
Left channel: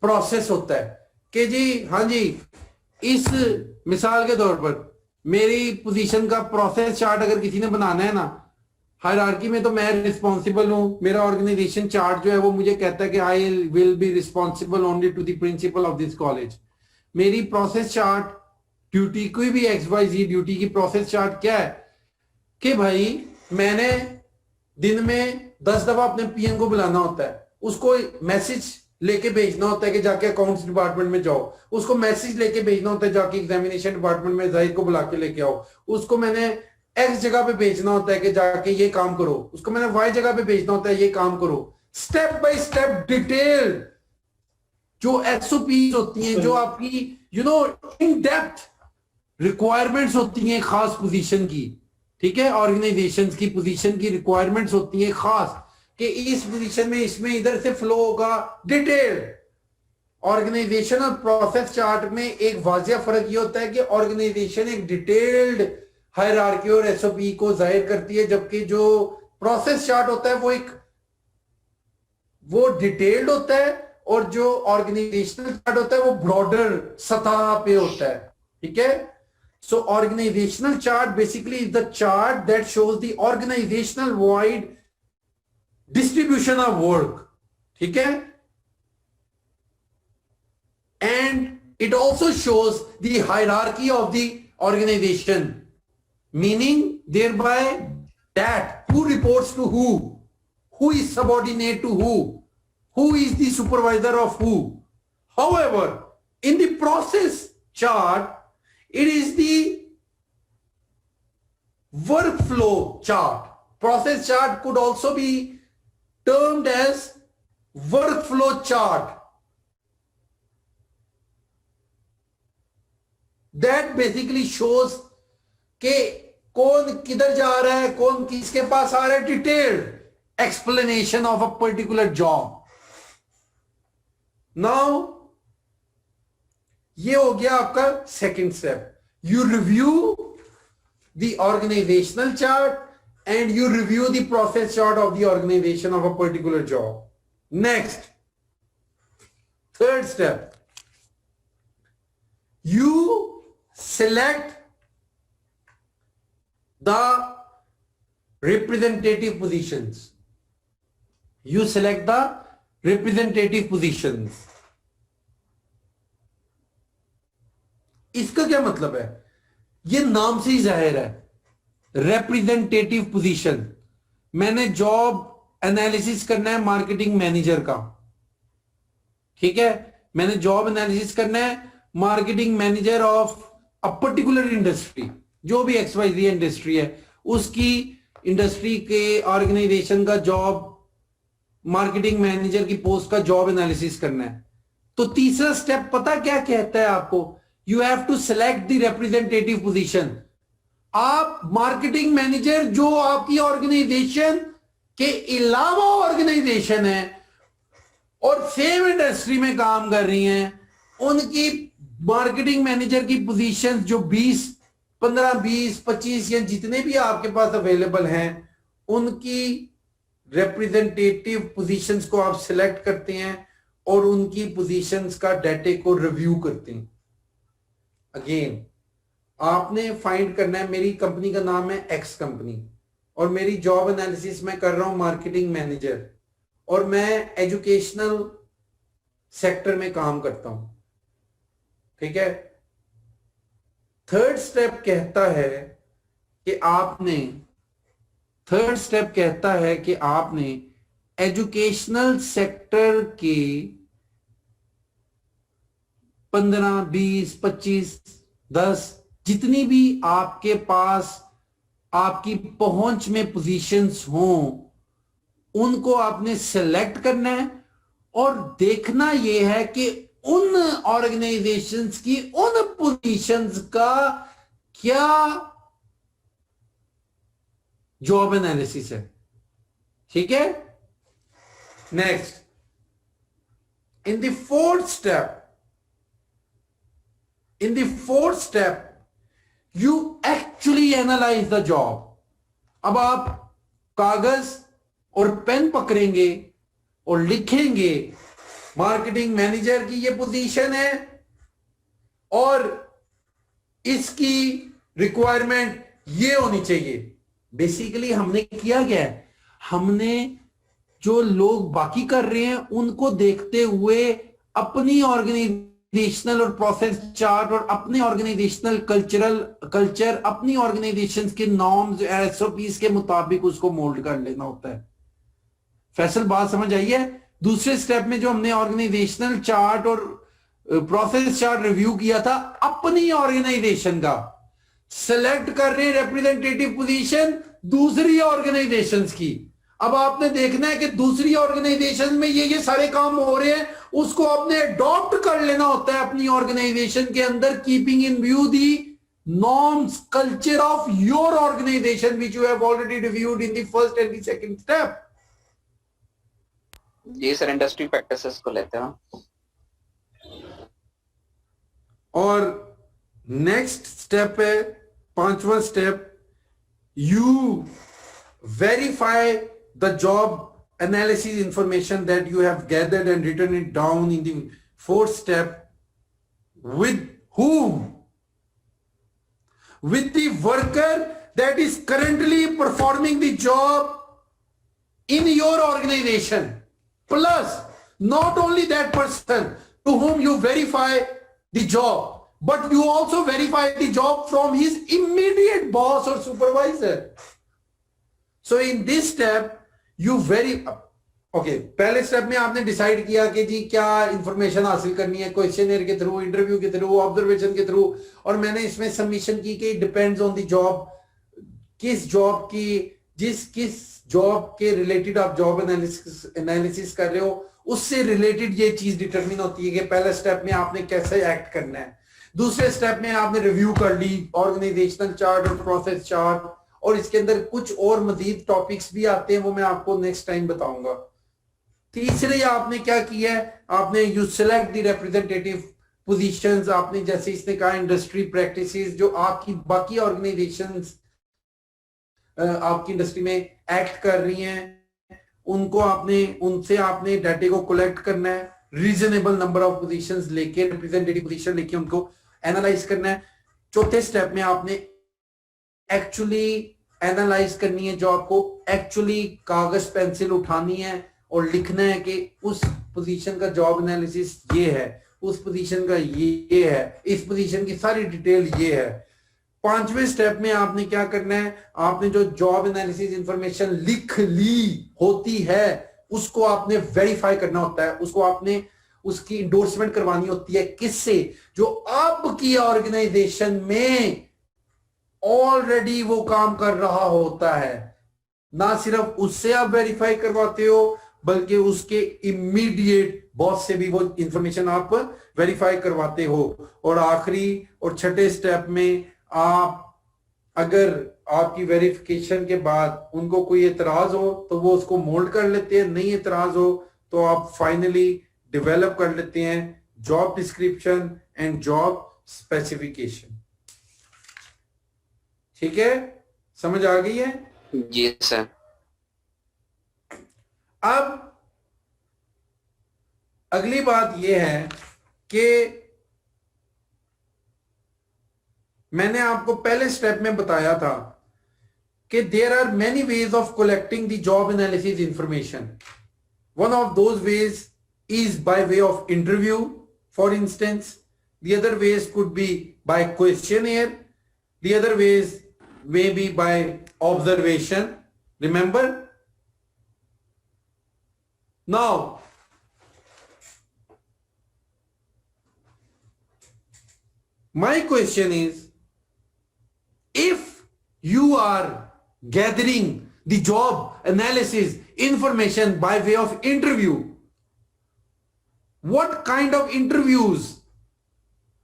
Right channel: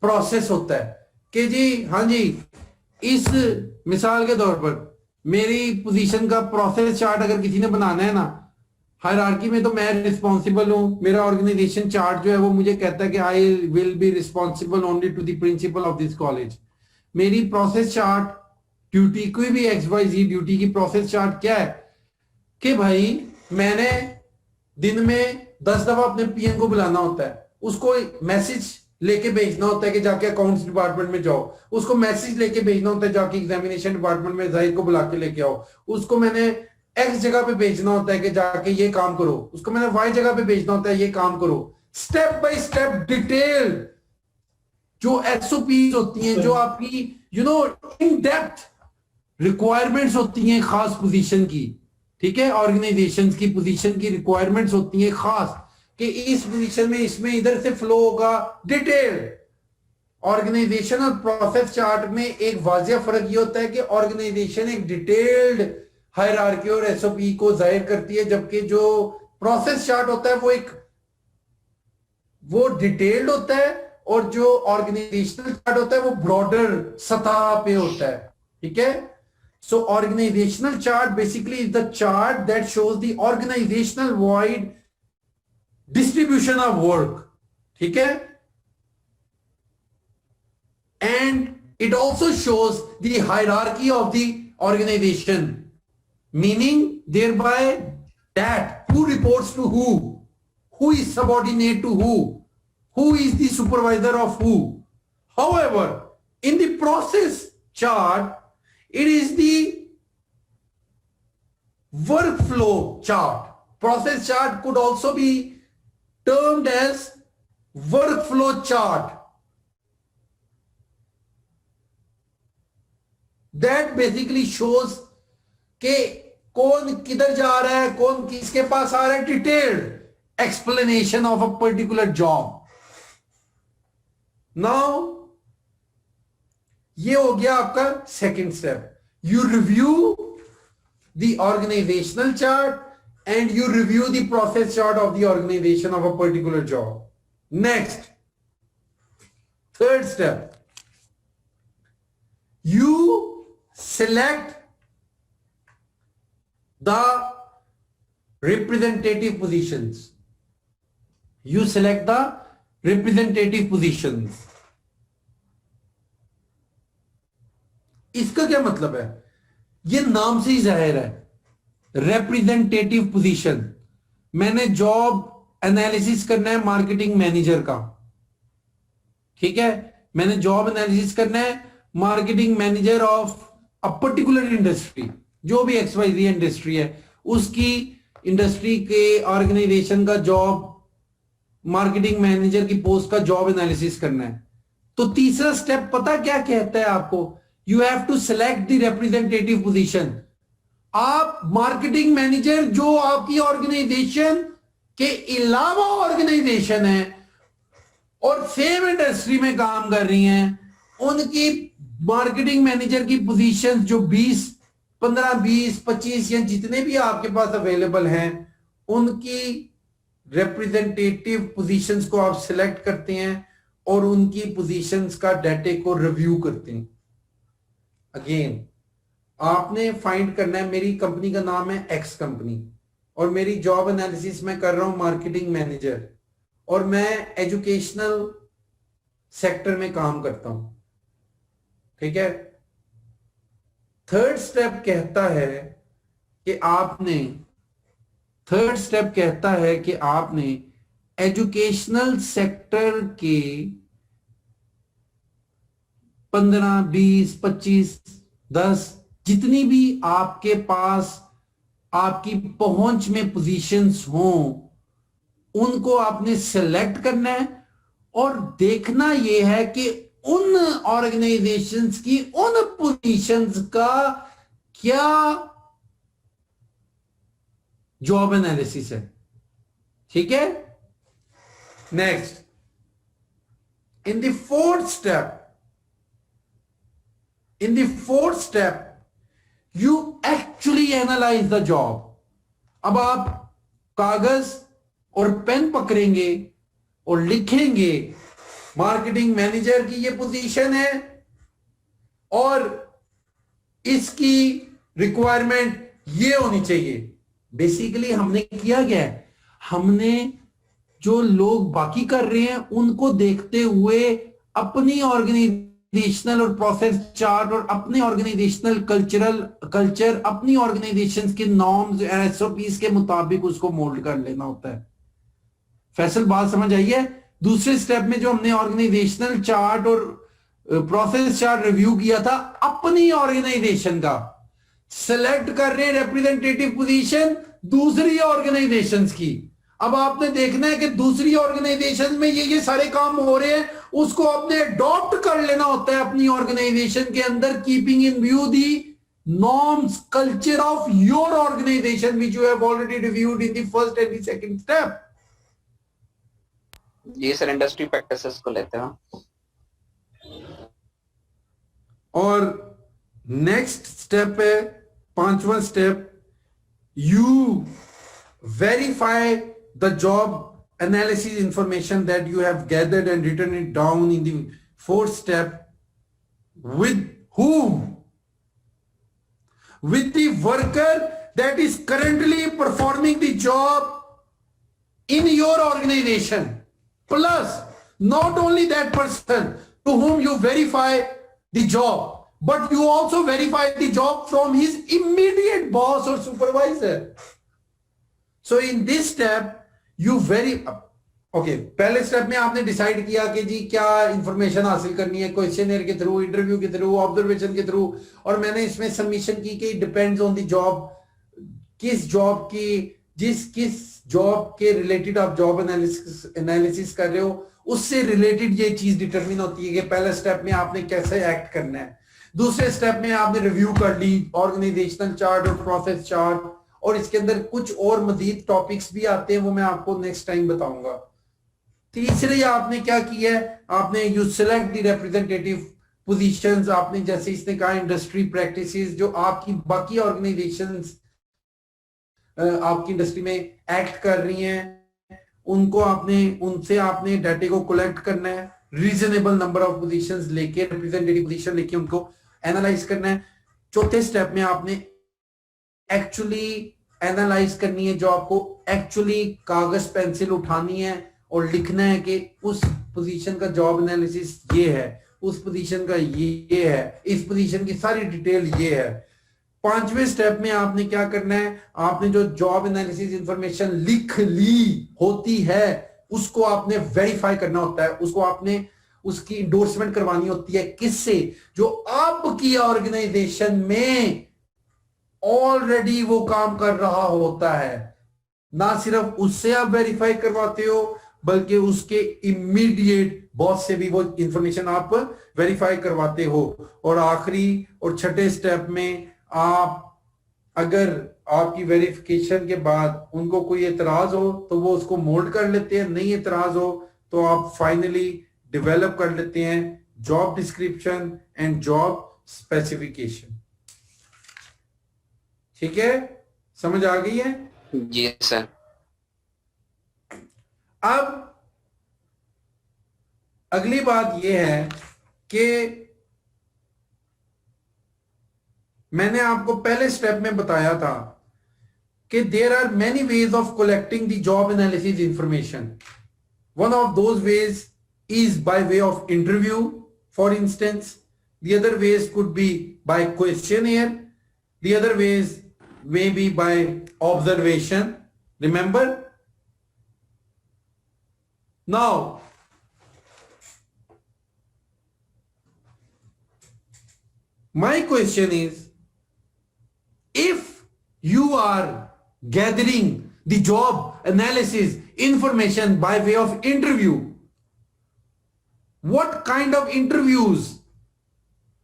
प्रोसेस होता है कि जी हाँ जी, इस मिसाल के तौर पर मेरी पोजीशन का प्रोसेस चार्ट अगर किसी ने बनाना है ना हायरार्की में, तो मैं रिस्पॉन्सिबल हूं, मेरा ऑर्गेनाइजेशन चार्ट जो है वो मुझे कहता है कि I will be responsible only to the principal of this college. मेरी प्रोसेस चार्ट ड्यूटी, कोई भी XYZ ड्यूटी की प्रोसेस चार्ट क्या है कि भाई मैंने दिन में 10 दफा अपने PM को बुलाना होता है, उसको मैसेज लेके भेजना होता है कि जाके अकाउंट्स डिपार्टमेंट में जाओ, उसको मैसेज लेके भेजना होता है जाके एग्जामिनेशन डिपार्टमेंट में जाहिद को बुला के लेके आओ, उसको मैंने X जगह पे भेजना होता है कि जाके ये काम करो, उसको मैंने Y जगह पे भेजना होता है ये काम करो। स्टेप बाय स्टेप डिटेल जो SOPs होती हैं, जो आपकी इन डेप्थ रिक्वायरमेंट्स होती हैं खास पोजीशन की, ठीक है, ऑर्गेनाइजेशंस की पोजीशन की रिक्वायरमेंट्स होती हैं खास कि इस पोजीशन में इसमें इधर से फ्लो होगा, डिटेल। ऑर्गेनाइजेशन और प्रोसेस चार्ट में एक वाजिया फर्क ये होता है कि ऑर्गेनाइजेशन एक डिटेल्ड हायरार्की और SOP को जाहिर करती है, जबकि जो प्रोसेस चार्ट होता है वो डिटेल्ड होता है, और जो ऑर्गेनाइजेशनल चार्ट होता है वो ब्रॉडर सतह पे होता है, ठीक है। So organisational chart basically is the chart that shows the organisational wide distribution of work, ठीक है, and it also shows the hierarchy of the organization, meaning thereby that who reports to who is subordinate to who is the supervisor of who. However, in the process chart, it is the workflow chart. Process chart could also be termed as workflow chart. That basically shows कि कौन किधर जा रहा है, कौन किसके पास आ रहा है, detailed explanation of a particular job. Now ये हो गया आपका second step, you review the organisational chart and you review the process chart of the organisation of a particular job. Next, third step, you select the representative positions. You select the representative positions. इसका क्या मतलब है? ये नाम से ही जाहिर है, representative position. मैंने जॉब एनालिसिस करना है मार्केटिंग मैनेजर का, ठीक है, मैंने जॉब एनालिसिस करना है marketing manager of a particular industry, जो भी XYZ इंडस्ट्री है, उसकी इंडस्ट्री के ऑर्गेनाइजेशन का जॉब मार्केटिंग मैनेजर की पोस्ट का जॉब एनालिसिस करना है। तो तीसरा स्टेप पता क्या कहता है आपको? You have to select the representative position. आप मार्केटिंग मैनेजर जो आपकी ऑर्गेनाइजेशन के अलावा ऑर्गेनाइजेशन है और सेम इंडस्ट्री में काम कर रही हैं, उनकी मार्केटिंग मैनेजर की पोजीशंस जो 20, 15, 20, 25 या जितने भी आपके पास अवेलेबल हैं, उनकी रिप्रेजेंटेटिव पोजीशंस को आप सिलेक्ट करते हैं और उनकी पोजीशंस का डाटे को रिव्यू करते हैं। अगेन आपने फाइंड करना है, मेरी कंपनी का नाम है X कंपनी और मेरी जॉब एनालिसिस मैं कर रहा हूं मार्केटिंग मैनेजर और मैं एजुकेशनल सेक्टर में काम करता हूं, ठीक है। थर्ड स्टेप कहता है कि आपने एजुकेशनल सेक्टर के 15, 20, 25, 10 जितनी भी आपके पास आपकी पहुंच में पोजीशंस हों, उनको आपने सेलेक्ट करना है और देखना यह है कि उन ऑर्गेनाइजेशंस की उन पोजीशंस का क्या जॉब एनालिसिस है, ठीक है। Next, in the fourth step you actually analyse the job. अब आप कागज और पेन पकड़ेंगे और लिखेंगे मार्केटिंग मैनेजर की ये पोजीशन है और इसकी रिक्वायरमेंट ये होनी चाहिए। बेसिकली हमने किया क्या है, हमने जो लोग बाकी कर रहे हैं उनको देखते हुए अपनी ऑर्गेनाइजेशनल और प्रोसेस चार्ट और अपने ऑर्गेनाइजेशनल कल्चर अपनी ऑर्गेनाइजेशन के नॉर्म्स SOPs के मुताबिक उसको मोल्ड कर लेना होता है। फैसल बात समझ आई है? दूसरे स्टेप में जो हमने ऑर्गेनाइजेशनल चार्ट और प्रोसेस चार्ट रिव्यू किया था अपनी ऑर्गेनाइजेशन का, सेलेक्ट कर रहे हैं रिप्रेजेंटेटिव पोजीशन दूसरी ऑर्गेनाइजेशंस की। अब आपने देखना है कि दूसरी ऑर्गेनाइजेशन में ये सारे काम हो रहे हैं, उसको आपने अडॉप्ट कर लेना होता है अपनी ऑर्गेनाइजेशन के अंदर, keeping in view the norms culture of your organisation which you have already reviewed in the first and the second step. जी सर, इंडस्ट्री प्रैक्टिसेस को लेते हैं। और नेक्स्ट स्टेप है, पांचवा step, you verify the job analysis information that you have gathered and written it down in the fourth step. With whom? With the worker that is currently performing the job in your organization. Plus, not only that person to whom you verify the job, but you also verify the job from his immediate boss or supervisor. So in this step, पहले step में आपने decide किया कि जी क्या information हासिल करनी है, questionnaire के थ्रू, इंटरव्यू के थ्रू, ऑब्जर्वेशन के थ्रू, और मैंने इसमें सबमिशन की कि डिपेंड्स ऑन द जॉब, किस जॉब के रिलेटेड आप जॉब एनालिसिस कर रहे हो उससे रिलेटेड ये चीज डिटरमिन होती है कि पहले स्टेप में आपने कैसे एक्ट करना है। दूसरे स्टेप में आपने रिव्यू कर ली ऑर्गेनाइजेशनल चार्ट और प्रोसेस चार्ट, और इसके अंदर कुछ और मजीद टॉपिक्स भी आते हैं, वो मैं आपको नेक्स्ट टाइम बताऊंगा। तीसरे आपने क्या किया है, आपने you select the representative positions. आपने जैसे इसने कहा इंडस्ट्री प्रैक्टिसेस जो आपकी बाकी ऑर्गेनाइजेशंस आपकी इंडस्ट्री में एक्ट कर रही हैं, उनसे आपने डाटे को कलेक्ट करना है, रीजनेबल नंबर ऑफ पोजीशंस लेके, रिप्रेजेंटेटिव पोजीशन लेके उनको एनालाइज करना है। चौथे स्टेप में आपने एक्चुअली एनालाइज करनी है जॉब को, एक्चुअली कागज पेंसिल उठानी है और लिखना है कि उस पोजीशन का जॉब एनालिसिस ये है, उस पोजीशन का ये है, इस पोजीशन की सारी डिटेल ये है। 5वें स्टेप में आपने क्या करना है, आपने जो जॉब एनालिसिस इंफॉर्मेशन लिख ली होती है उसको आपने वेरीफाई करना होता है, उसको आपने उसकी इंडोर्समेंट करवानी होती है। किससे? जो आपकी ऑर्गेनाइजेशन में ऑलरेडी वो काम कर रहा होता है। ना सिर्फ उससे आप वेरीफाई करवाते हो बल्कि उसके इमीडिएट बॉस से भी वो इंफॉर्मेशन आप वेरीफाई करवाते हो। और आखिरी और छठे स्टेप में आप अगर आपकी वेरिफिकेशन के बाद उनको कोई एतराज हो तो वो उसको मोल्ड कर लेते हैं, नहीं एतराज हो तो आप फाइनली डेवलप कर लेते हैं job description and job specification. ठीक है, समझ आ गई है? जी सर। अब अगली बात यह है कि मैंने आपको पहले स्टेप में बताया था कि there are many ways of collecting the job analysis information. One of those ways is by way of interview, for instance. The other ways could be by questionnaire. The other ways may be by observation. Remember? Now, my question is, if you are gathering the job analysis information by way of interview, what kind of interviews,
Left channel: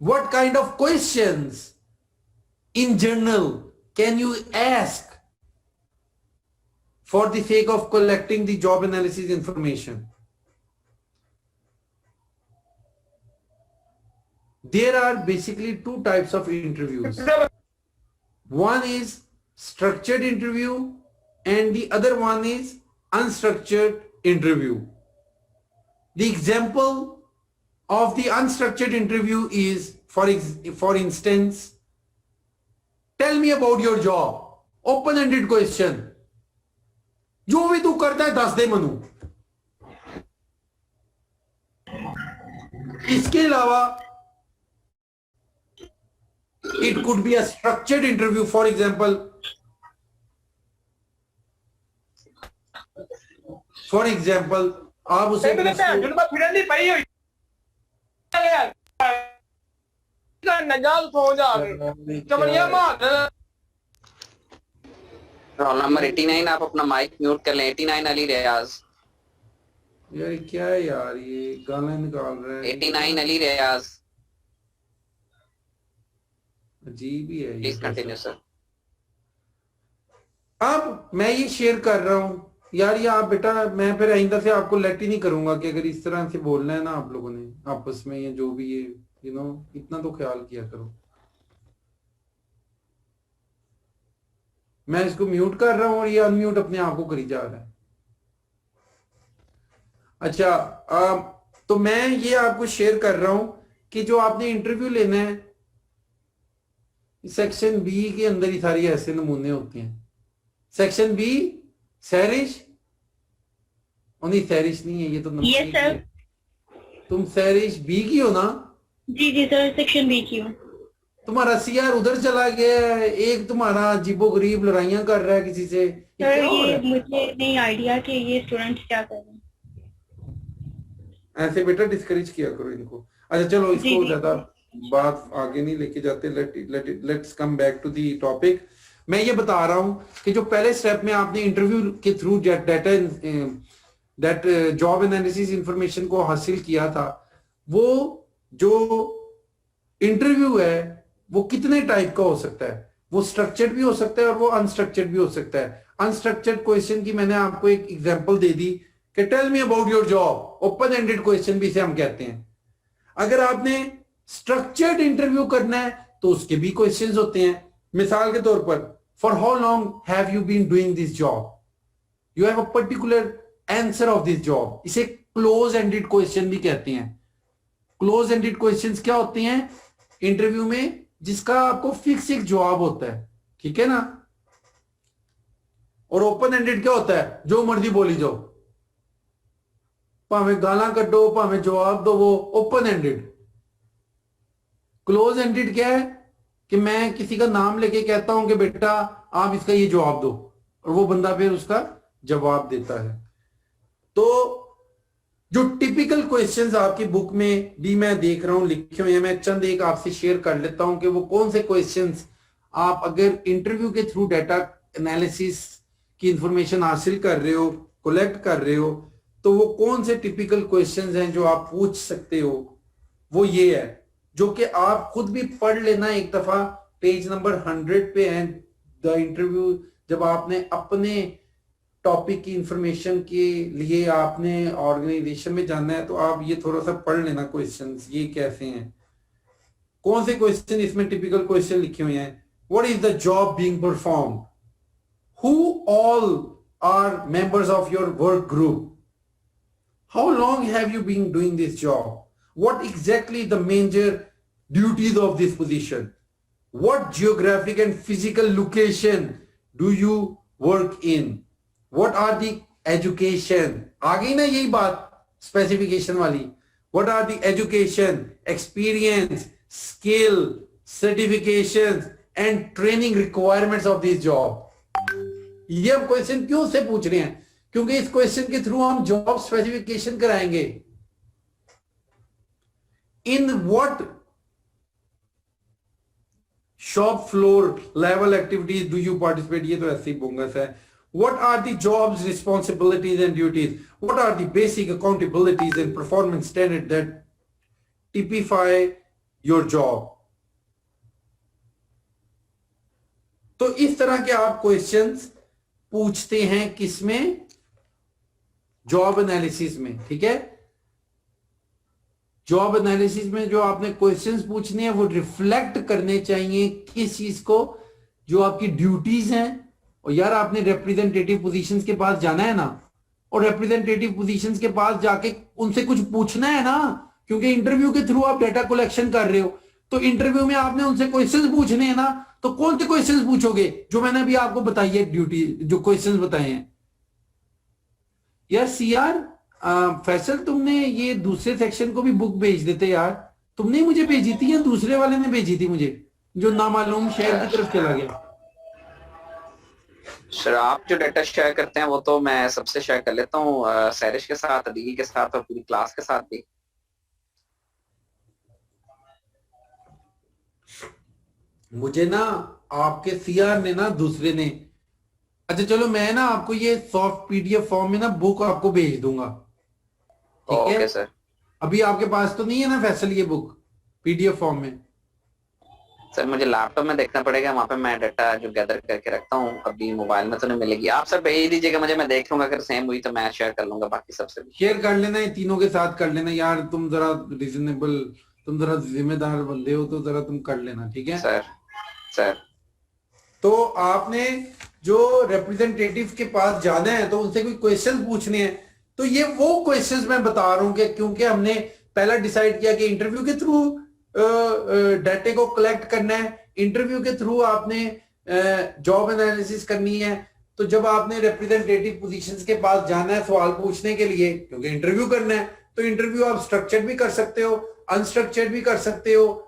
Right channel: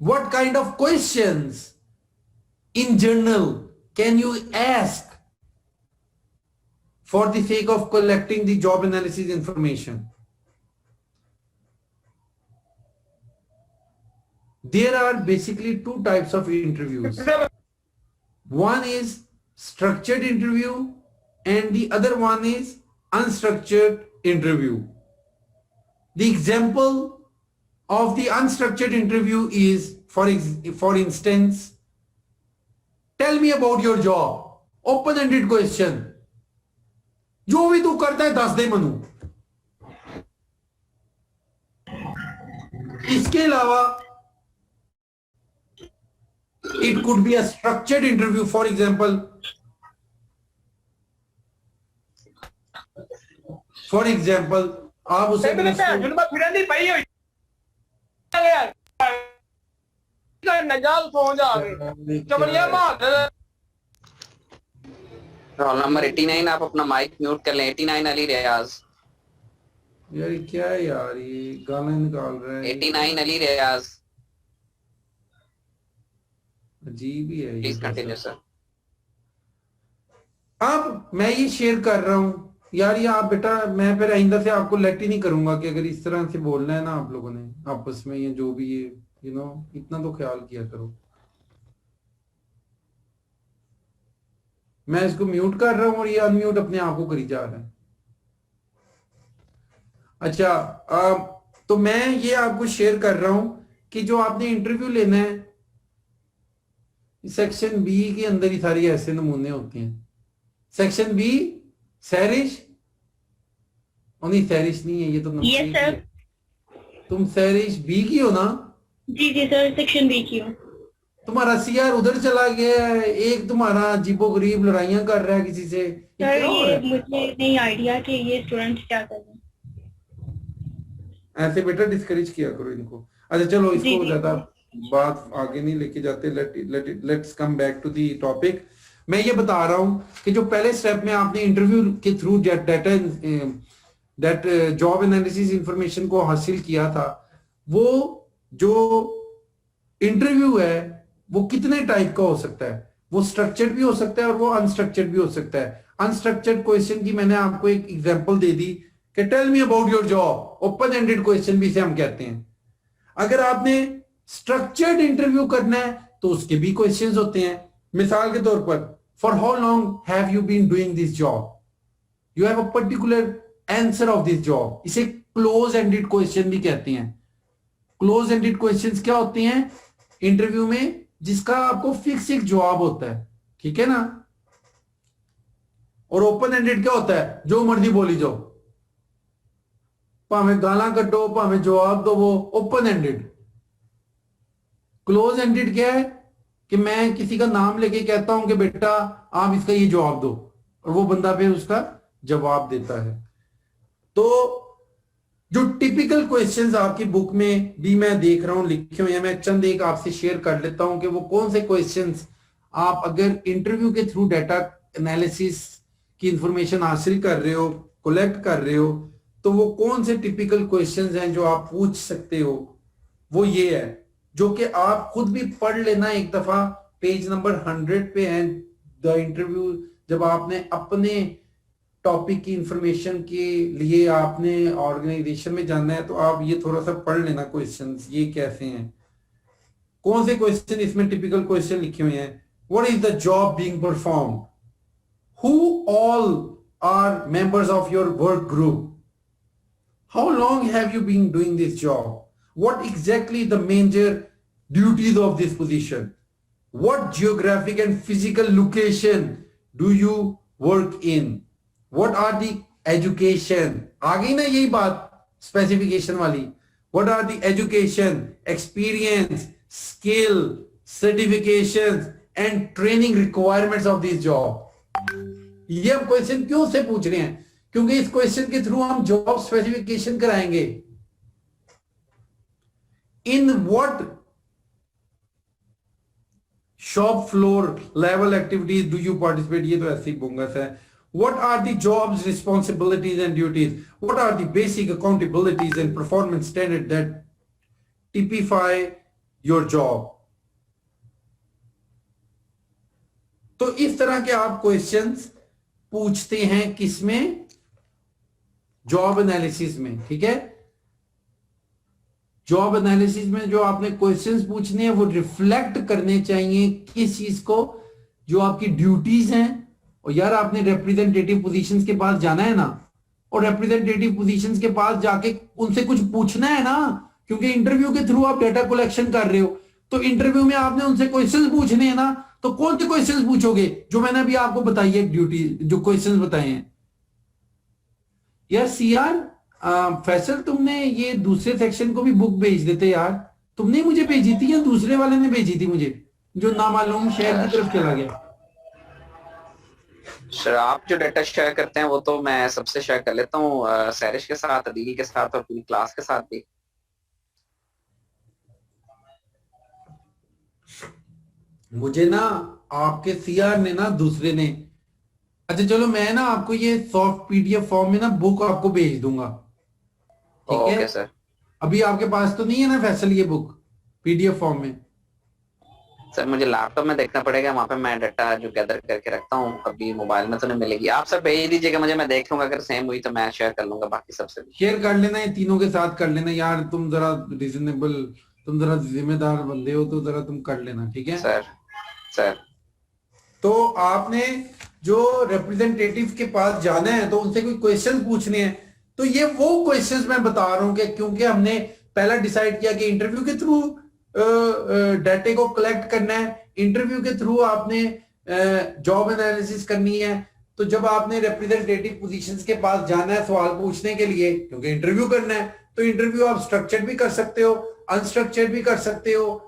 what kind of questions in general can you ask for the sake of collecting the job analysis information? There are basically two types of interviews. One is structured interview and the other one is unstructured interview. The example of the unstructured interview is, for instance, tell me about your job. Open-ended question. जो भी तू करता है दस दे मनु। इसके अलावा it could be a structured interview. For example, आप उसे रोल नंबर 89, आप अपना माइक म्यूट कर लें। 89 अली रियाज। यार क्या है यार, ये गाना निकाल रहे हैं। 89 अली रियाज। अजीब ही है। Please continue sir. अब मैं ये शेयर कर रहा हूं यार, ये आप बेटा, मैं फिर आइंदा से आपको लेट ही नहीं करूंगा कि अगर इस तरह से बोलना है ना आप लोगों ने आपस में, ये जो भी ये इतना तो ख्याल किया करो। मैं इसको म्यूट कर रहा हूं और ये अनम्यूट अपने आप को करी जा रहा है। अच्छा, तो मैं ये आपको शेयर कर रहा हूं कि जो आपने इंटरव्यू लेना है, सेक्शन बी के अंदर ही सारी ऐसे नमूने होते हैं। सेक्शन बी सैरिश, नहीं सैरिश नहीं है, ये तो यस सर। तुम सैरिश बी की हो ना? जी जी सर, सेक्शन बी की हूँ। तुम्हारा सीआर उधर चला गया है, एक तुम्हारा अजीबो गरीब लड़ाइयां कर रहा है किसी से। सर ये मुझे नहीं आइडिया कि ये स्टूडेंट्स क्या कर रहे हैं। ऐसे बेटा डिस्करेज किया करो इनको। अच्छा चलो, इसको ज्यादा बात आगे नहीं लेके जाते, let's come back to the topic. मैं ये बता रहा हूं कि जो पहले स्टेप में आपने इंटरव्यू के through that job analysis information को हासिल किया था, वो जो इंटरव्यू है वो कितने टाइप का हो सकता है। वो स्ट्रक्चर्ड भी हो सकता है और वो अनस्ट्रक्चर्ड भी हो सकता है। अनस्ट्रक्चर्ड क्वेश्चन की मैंने आपको एक एग्जांपल दे दी कि tell me about your job. Open ended question भी इसे हम कहते हैं। अगर आपने स्ट्रक्चर्ड इंटरव्यू करना है तो उसके भी क्वेश्चंस होते हैं। मिसाल के तौर पर, for how long have you been doing this job, you have a particular answer of this job. इसे क्लोज एंडेड क्वेश्चन भी कहते हैं। क्लोज एंडेड क्वेश्चंस क्या होते हैं इंटरव्यू में, जिसका आपको फिक्स एक जवाब होता है, ठीक है ना। और ओपन एंडेड क्या होता है, जो मर्जी बोली जाओ, भावे गाला कटो भावे जवाब दो, वो ओपन एंडेड। क्लोज एंडेड क्या है कि मैं किसी का नाम लेके कहता हूं कि बेटा आप इसका ये जवाब दो, और वो बंदा फिर उसका जवाब देता है। तो जो टिपिकल क्वेश्चंस आपकी बुक में भी मैं देख रहा हूं लिखे हुए हैं, मैं चंद एक आपसे शेयर कर लेता हूं कि वो कौन से क्वेश्चंस आप अगर इंटरव्यू के थ्रू डाटा एनालिसिस की इंफॉर्मेशन हासिल कर रहे हो, कलेक्ट कर रहे हो, तो वो कौन से टिपिकल क्वेश्चंस हैं जो आप पूछ सकते हो। वो ये है जो कि आप खुद भी पढ़ लेना एक दफा, पेज नंबर 100 पे है द इंटरव्यू। जब आपने अपने टॉपिक की इंफॉर्मेशन के लिए आपने ऑर्गेनाइजेशन में जाना है, तो आप ये थोड़ा सा पढ़ लेना क्वेश्चंस ये कैसे हैं, कौन से क्वेश्चन इसमें टिपिकल क्वेश्चन लिखे हुए हैं। What is the job being performed, who all are members of your work group, how long have you been doing this job, what exactly the major duties of this position, what geographic and physical location do you work in, what are the education, आ गई ना यही बात specification वाली, what are the education, experience, skill, certifications and training requirements of this job। ये हम question क्यों से पूछ रहे हैं, क्योंकि इस क्वेश्चन के थ्रू हम जॉब स्पेसिफिकेशन कराएंगे। In what shop floor level activities do you participate? ये तो ऐसे ही बोंगस है। What are the job's responsibilities and duties? What are the basic accountabilities and performance standards that typify your job? तो इस तरह के आप क्वेश्चंस पूछते हैं किसमें, जॉब एनालिसिस में। ठीक है, जॉब एनालिसिस में जो आपने क्वेश्चंस पूछने हैं वो रिफ्लेक्ट करने चाहिए किस चीज को, जो आपकी ड्यूटीज हैं। और यार आपने रिप्रेजेंटेटिव पोजीशंस के पास जाना है ना, और रिप्रेजेंटेटिव पोजीशंस के पास जाके उनसे कुछ पूछना है ना, क्योंकि इंटरव्यू के थ्रू आप डेटा कलेक्शन कर रहे हो, तो इंटरव्यू में आपने उनसे क्वेश्चंस पूछने हैं ना। तो कौन से क्वेश्चंस पूछोगे, जो मैंने अभी आपको बताई है ड्यूटी, जो क्वेश्चंस बताए हैं। यार सीआर फैसल, तुमने ये दूसरे सेक्शन को भी बुक भेज देते यार, तुमने मुझे भेजी थी या दूसरे वाले ने भेजी थी मुझे, जो नामालूम शहर की तरफ चला गया। सर आप जो डाटा शेयर करते हैं वो तो मैं सबसे शेयर कर लेता हूँ, सैरिश के साथ, अदील के साथ और पूरी क्लास के साथ भी। मुझे ना आपके सीआर ने ना दूसरे ने, अच्छा चलो मैं ना आपको ये सॉफ्ट पीडीएफ फॉर्म में ना बुक आपको भेज दूंगा। ठीक है सर, अभी आपके पास तो नहीं है ना फैसल ये बुक पीडीएफ फॉर्म में? सर मुझे लैपटॉप में देखना पड़ेगा, वहाँ पे मैं डाटा जो गैदर करके रखता हूँ, अभी मोबाइल में तो नहीं मिलेगी। आप सर भेज दीजिएगा मुझे, मैं देख लूंगा, अगर सेम हुई तो मैं शेयर कर लूंगा बाकी सबसे भी। शेयर कर लेना, ये तीनों के साथ कर लेना यार, तुम जरा रीजनेबल, तुम जरा जिम्मेदार बंदे हो, तो जरा तुम कर लेना। ठीक है सर। तो आपने जो रिप्रेजेंटेटिव के पास जाना है तो उनसे कोई क्वेश्चन पूछने हैं, तो ये वो क्वेश्चंस मैं बता रहा हूं कि क्योंकि हमने पहला डिसाइड किया कि इंटरव्यू के थ्रू डाटे को कलेक्ट करना है, इंटरव्यू के थ्रू आपने जॉब एनालिसिस करनी है। तो जब आपने रिप्रेजेंटेटिव पोजीशंस के पास जाना है सवाल पूछने के लिए, क्योंकि इंटरव्यू करना है, तो इंटरव्यू आप स्ट्रक्चर्ड भी कर सकते हो, अनस्ट्रक्चर्ड भी कर सकते हो।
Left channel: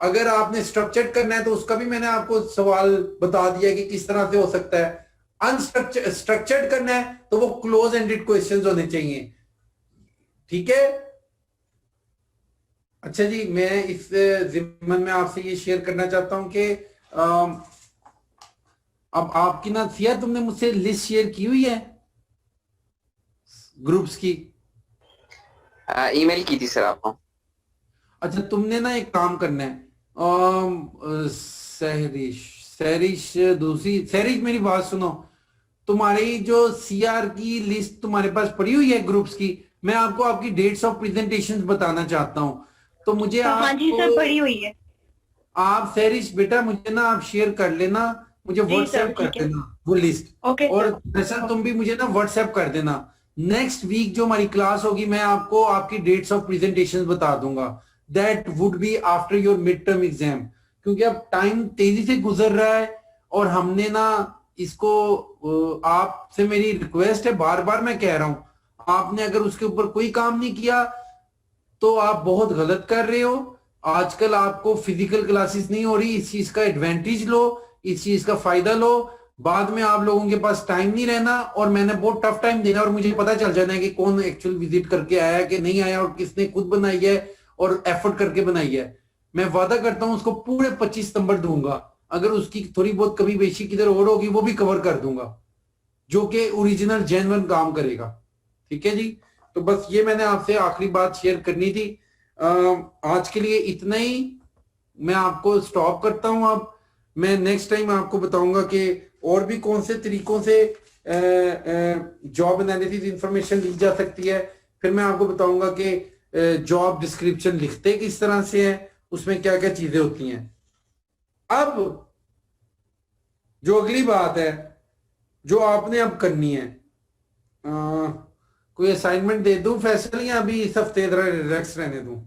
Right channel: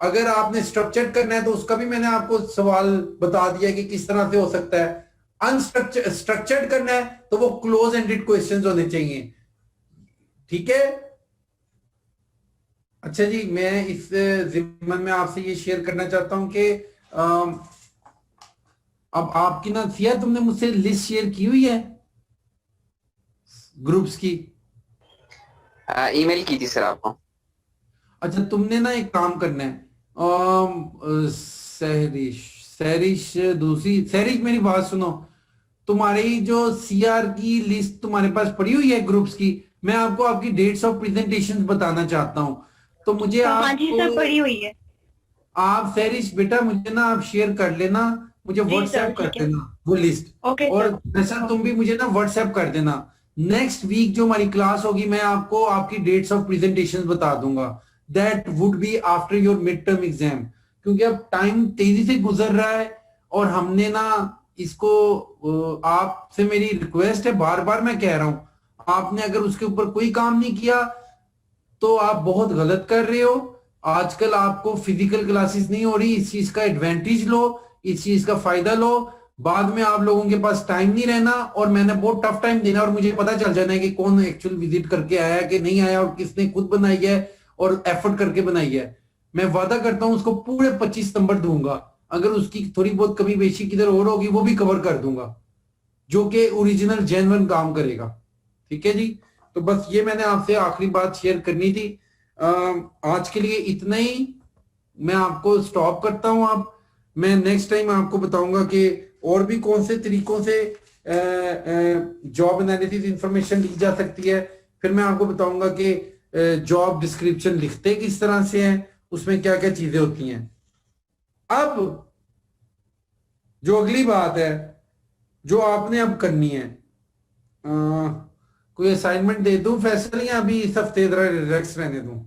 अगर आपने स्ट्रक्चर्ड करना है तो उसका भी मैंने आपको सवाल बता दिया कि किस तरह से हो सकता है। स्ट्रक्चर्ड करना है तो वो क्लोज एंडेड क्वेश्चंस होने चाहिए। ठीक है, अच्छा जी, मैं इस जिम्मन में आपसे ये शेयर करना चाहता हूं कि अब आपकी ना सिया, तुमने मुझसे लिस्ट शेयर की हुई है ग्रुप्स की? ईमेल की थी सर आपको। अच्छा, तुमने ना एक काम करना है, सहरिश दूसरी, सहरिश मेरी बात सुनो, तुम्हारी जो सीआर की लिस्ट तुम्हारे पास पड़ी हुई है ग्रुप्स की, मैं आपको आपकी डेट्स ऑफ प्रेजेंटेशंस बताना चाहता हूं, तो मुझे हाँ जी सर, पड़ी हुई है। आप सहरिश बेटा मुझे ना आप शेयर कर लेना, मुझे व्हाट्सएप कर देना वो लिस्ट। और वैसा तुम भी मुझे ना व्हाट्सएप कर देना। नेक्स्ट वीक जो हमारी क्लास होगी मैं आपको आपकी डेट्स ऑफ प्रेजेंटेशंस बता दूंगा। That would be after your mid term exam, क्योंकि अब टाइम तेजी से गुजर रहा है और हमने ना इसको, आपसे मेरी रिक्वेस्ट है, बार बार मैं कह रहा हूं, आपने अगर उसके ऊपर कोई काम नहीं किया तो आप बहुत गलत कर रहे हो। आजकल आपको फिजिकल क्लासेस नहीं हो रही, इस चीज का एडवांटेज लो, इस चीज का फायदा लो। बाद में आप लोगों के पास टाइम नहीं रहना और मैंने बहुत टफ टाइम देना और मुझे पता चल जाना है कि कौन एक्चुअल विजिट करके आया कि नहीं आया और किसने खुद बनाई है और एफर्ट करके बनाई है। मैं वादा करता हूं उसको पूरे 25 नंबर दूंगा। अगर उसकी थोड़ी बहुत कमी बेशी किधर और होगी वो भी कवर कर दूंगा, जो कि ओरिजिनल जेन्युइन काम करेगा। ठीक है जी, तो बस ये मैंने आपसे आखिरी बात शेयर करनी थी। आज के लिए इतना ही, मैं आपको स्टॉप करता हूं। अब मैं नेक्स्ट टाइम आपको बताऊंगा कि और भी कौन से तरीकों से जॉब एनालिसिस इंफॉर्मेशन ली जा सकती है। फिर मैं आपको बताऊंगा कि जॉब डिस्क्रिप्शन लिखते किस तरह से है, उसमें क्या क्या चीजें होती हैं। अब जो अगली बात है जो आपने अब करनी है, कोई असाइनमेंट दे दूं फैसल, या अभी इस हफ्ते रिलैक्स रहने दूं?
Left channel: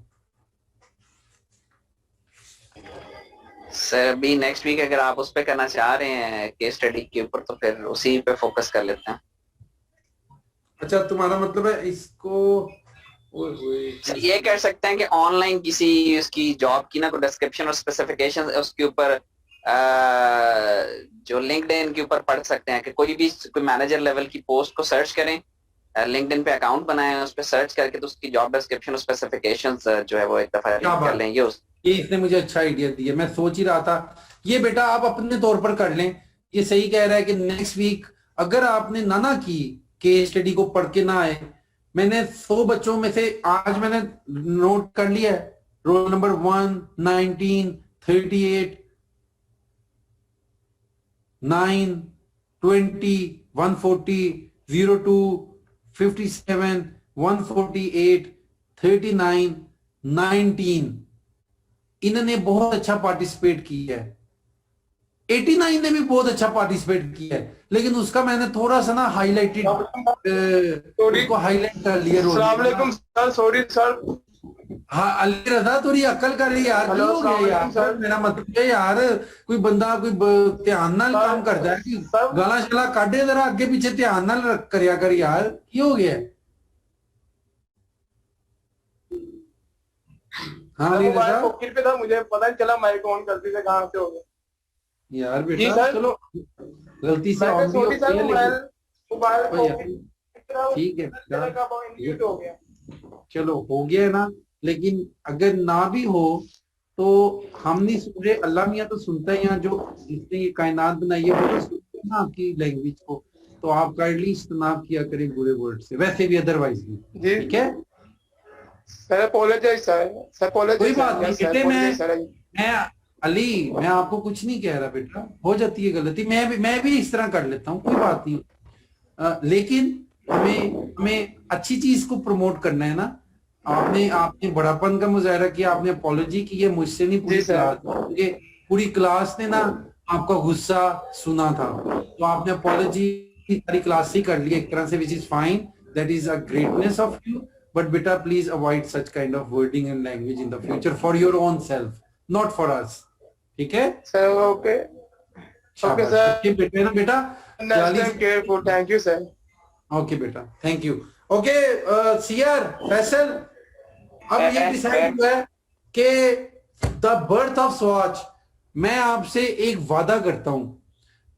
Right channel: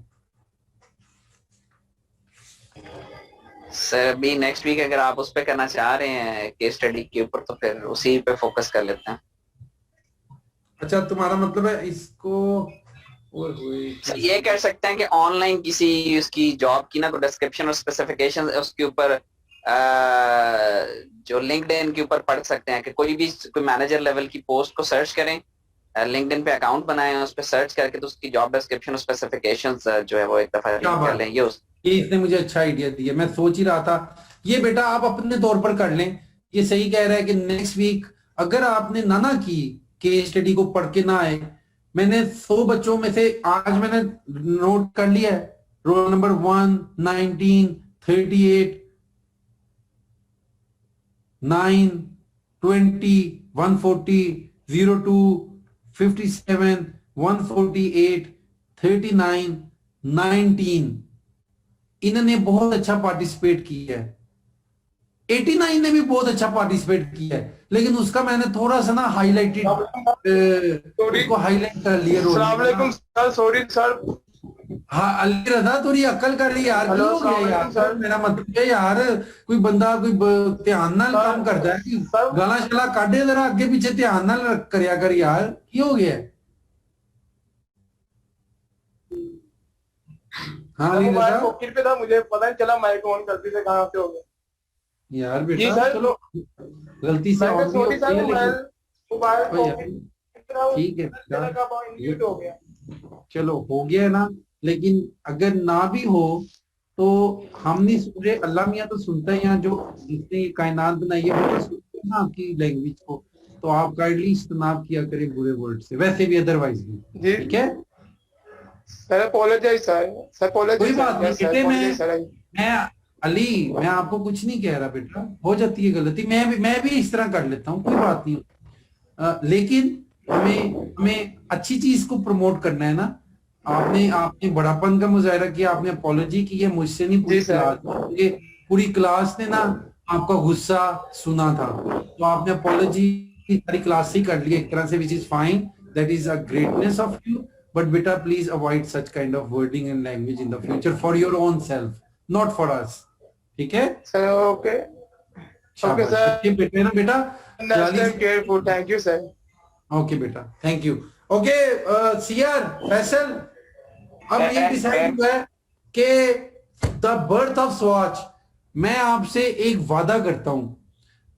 सर अभी नेक्स्ट वीक अगर आप उस पे करना चाह रहे हैं केस स्टडी के ऊपर तो फिर उसी पे फोकस कर लेते हैं। अच्छा, तुम्हारा मतलब है इसको सर ये कर सकते हैं कि ऑनलाइन किसी उसकी जॉब की ना कोई डिस्क्रिप्शन और स्पेसिफिकेशन उसके ऊपर जो लिंक्डइन के ऊपर पढ़ सकते हैं कि कोई भी कोई मैनेजर लेवल की पोस्ट को सर्च करें, लिंक्डइन पे अकाउंट बनाएं, उस पर सर्च करके तो उसकी जॉब डिस्क्रिप्शन और स्पेसिफिकेशंस जो है वो एक दफा रीड कर लें। ये इसने मुझे अच्छा आइडिया दिया, मैं सोच ही रहा था ये बेटा आप अपने तौर पर कर लें। ये सही कह रहा है कि नेक्स्ट वीक अगर आपने ना की केस स्टडी को पढ़ के ना आए, मैंने 100 बच्चों में से आज मैंने नोट कर लिया है, रोल नंबर 1, 19, 38, 9, 20, 140, 02, 57, 148, 39, 19 इन्होंने बहुत अच्छा पार्टिसिपेट किया है। 89 ने भी बहुत अच्छा पार्टिसिपेट किया है, लेकिन उसका मैंने थोड़ा सा ना हाईलाइटेड उसको हाईलाइट कर लिया। अस्सलाम वालेकुम सर, सॉरी सर। हाँ अली रजा, थोड़ी अक्ल कर रही यार, क्यों हो गया यार सर? मेरा मतलब है यार कोई बंदा कोई ध्यान नाल काम करता है कि गाला शला काटे जरा आगे पीछे ध्यान नाल करया कर यार, क्यों हो गया? हाँ अली रजा, पॉकेट पे था, मुझे पता नहीं चला माइक ऑन गलती से कहाँ से हो गया यार बेटा। चलो गलती से ऑन भी ठीक है बेटा, चलो हो गया ना। लेकिन अगर ना भी हो तो हम नहीं सुन रहे, अल्लाह मियाँ तो सुनता है। यहाँ जो जिसने ये कायनात बनाई है वो तो सुनते हैं ना आपकी लैंग्वेज को, तो आप काइंडली इस्तेमाल किया करें बुरे वर्ड से, वैसे भी अदरवाइज भी। ठीक है सर, कोई बात नहीं। मैं अली मैं आपको कुछ नहीं कह रहा बेटा, हो जाती है गलती, मैं भी इस तरह कर लेता हूँ, कोई बात नहीं। लेकिन हमें अच्छी चीज को प्रमोट करना है ना। आपने बड़ापन का मुजाहरा किया, आपने अपॉलॉजी की है, मुझसे नहीं पूरी क्लास ने ना आपका गुस्सा सुना था, तो आपने अपॉलॉजी सारी क्लास से कर लिया एक तरह से, which is fine, that is a greatness of you. But बेटा please avoid such kind of wording and language in the future for your own self, not for us. ठीक है सर? ओके ओके सर, बेटा बेटा careful, thank you sir. Okay बेटा, thank you. Okay CR Faisal, अब ये decide हुआ है कि द बर्थ ऑफ स्वॉच, मैं आपसे एक वादा करता हूं,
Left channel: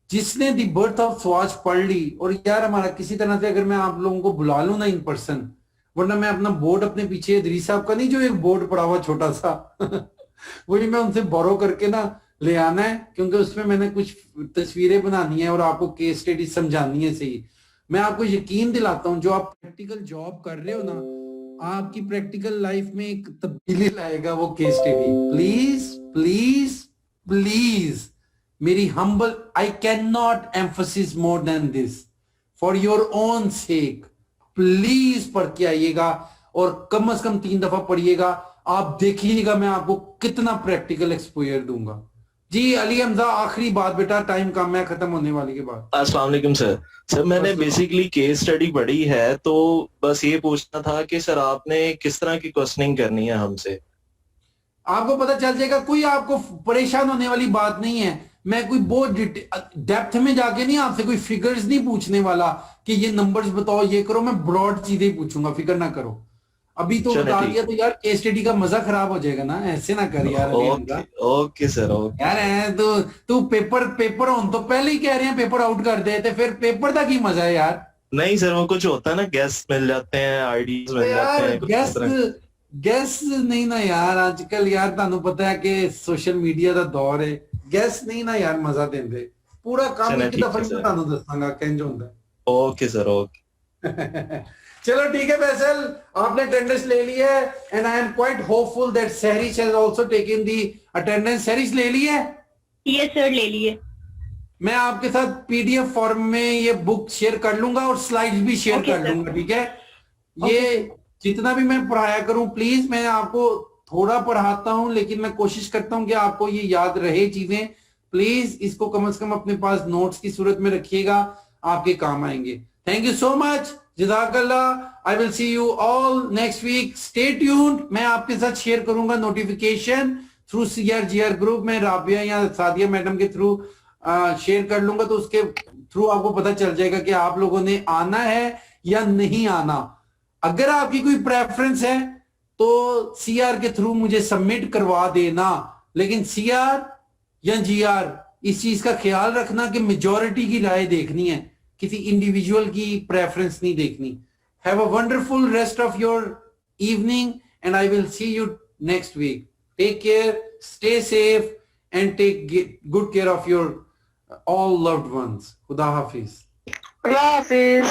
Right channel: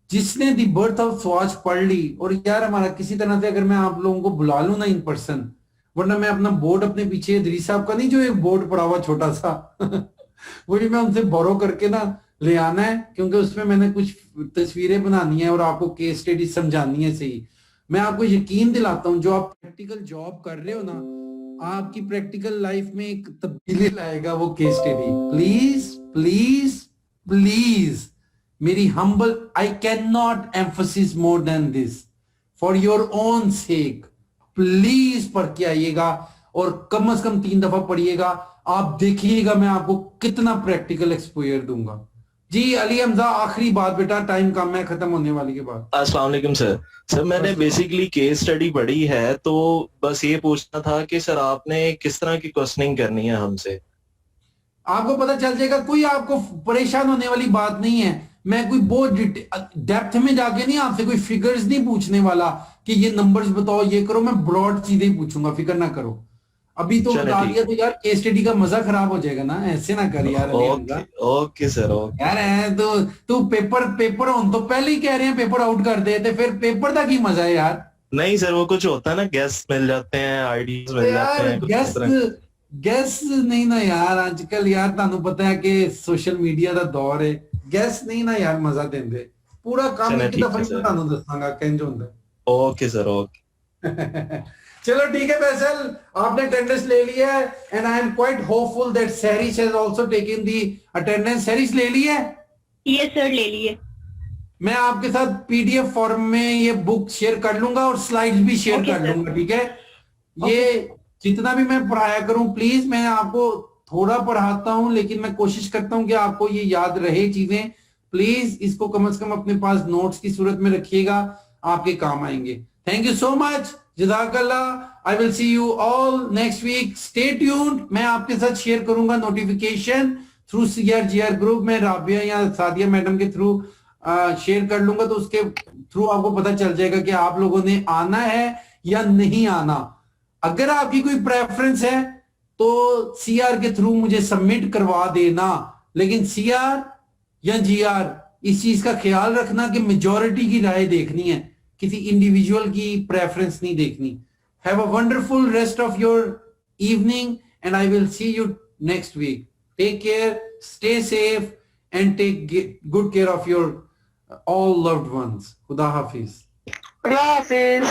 जिसने द बर्थ ऑफ स्वॉच पढ़ ली, और यार हमारा किसी तरह से अगर मैं आप लोगों को बुला लूं ना इन पर्सन, वरना मैं अपना बोर्ड अपने पीछे दरीस साहब का नहीं जो एक बोर्ड पड़ा हुआ छोटा सा वही मैं उनसे बोरो करके ना ले आना है, क्योंकि उसमें मैंने कुछ तस्वीरें बनानी है और आपको केस स्टडी समझानी है। सही, मैं आपको यकीन दिलाता हूं जो आप प्रैक्टिकल जॉब कर रहे हो ना, आपकी प्रैक्टिकल लाइफ में एक तब्दीली लाएगा वो case study. Please please please, मेरी humble, I can not emphasis more than this, for your own sake please पढ़ के आइएगा, और कम से कम 3 दफा पढ़िएगा। आप देखिएगा मैं आपको कितना प्रैक्टिकल एक्सपोजर दूंगा। जी अली हमजा, आखिरी बात बेटा, टाइम कम है, खत्म होने वाली के बाद। अस्सलाम वालेकुम सर। सर मैंने बेसिकली केस स्टडी पढ़ी है, तो बस ये पूछना था कि सर आपने किस तरह की क्वेश्चनिंग करनी है हमसे? आपको पता चल जाएगा, कोई आपको परेशान होने वाली बात नहीं है। मैं कोई बहुत डेप्थ में जाके नहीं आपसे कोई फिगर्स नहीं पूछने वाला कि ये नंबर्स बताओ, ये करो, मैं ब्रॉड चीजें पूछूंगा, फिक्र ना करो। अभी तो चलो बता ठीक। दिया तो यार केस स्टडी का मजा खराब हो जाएगा ना, ऐसे ना कर यार अभी हमका। Okay sir, okay. यार है तो तू पेपर होने तो पहले ही कह रहे हैं पेपर आउट कर दे, तो फिर पेपर तक ही मजा है यार। नहीं सर, वो कुछ होता है ना, गेस्ट मिल जाते हैं, आईडीज मिल जाते यार हैं कुछ इस तरह। गैस नहीं ना यार, आजकल यार ਤੁਹਾਨੂੰ पता है कि सोशल मीडिया ਦਾ दौर है, गैस नहीं ना यार मजा देंदे, पूरा काम चलो एक ठीक दफा है ही सर। ਤੁਹਾਨੂੰ ਦੱਸਾਂਗਾ ਕਿੰਜ ਹੁੰਦਾ। Okay sir, okay. चलो ठीक है फैसल, आपने अटेंडेंस ले लिया है and I am quite hopeful that Sahrish has also taken the attendance. Sahrish ले ली है? यस सर, ले लिए। मैं आपके साथ पीडीएफ फॉर्म में ये बुक शेयर कर लूंगा और स्लाइड्स भी शेयर Okay, कर sir. लूंगा, ठीक है? ये जितना भी मैं पढ़ाया करूं प्लीज, मैं आपको थोड़ा पढ़ाता हूं लेकिन मैं कोशिश करता हूं कि आपको ये याद रहे चीजें। प्लीज इसको कम से कम अपने पास नोट्स की सूरत में रखिएगा, आपके काम आएंगे। थैंक यू सो मच, जज़ाकल्लाह। I will see you all next week, stay tuned. मैं आपके साथ शेयर करूंगा नोटिफिकेशन थ्रू CRGR ग्रुप में, राबिया या सादिया मैडम के थ्रू शेयर कर लूंगा, तो उसके थ्रू आपको पता चल जाएगा कि आप लोगों ने आना है या नहीं आना। अगर आपकी कोई प्रेफरेंस है तो CR के थ्रू मुझे सबमिट करवा देना, लेकिन CR या GR इस चीज का ख्याल रखना कि मेजॉरिटी की राय देखनी है, किसी इंडिविजुअल की प्रेफरेंस नहीं देखनी। Have a wonderful rest of your evening and I will see you next week. Take care, stay safe and take good care of your all loved ones. Khuda Hafiz. खुदा हाफिज।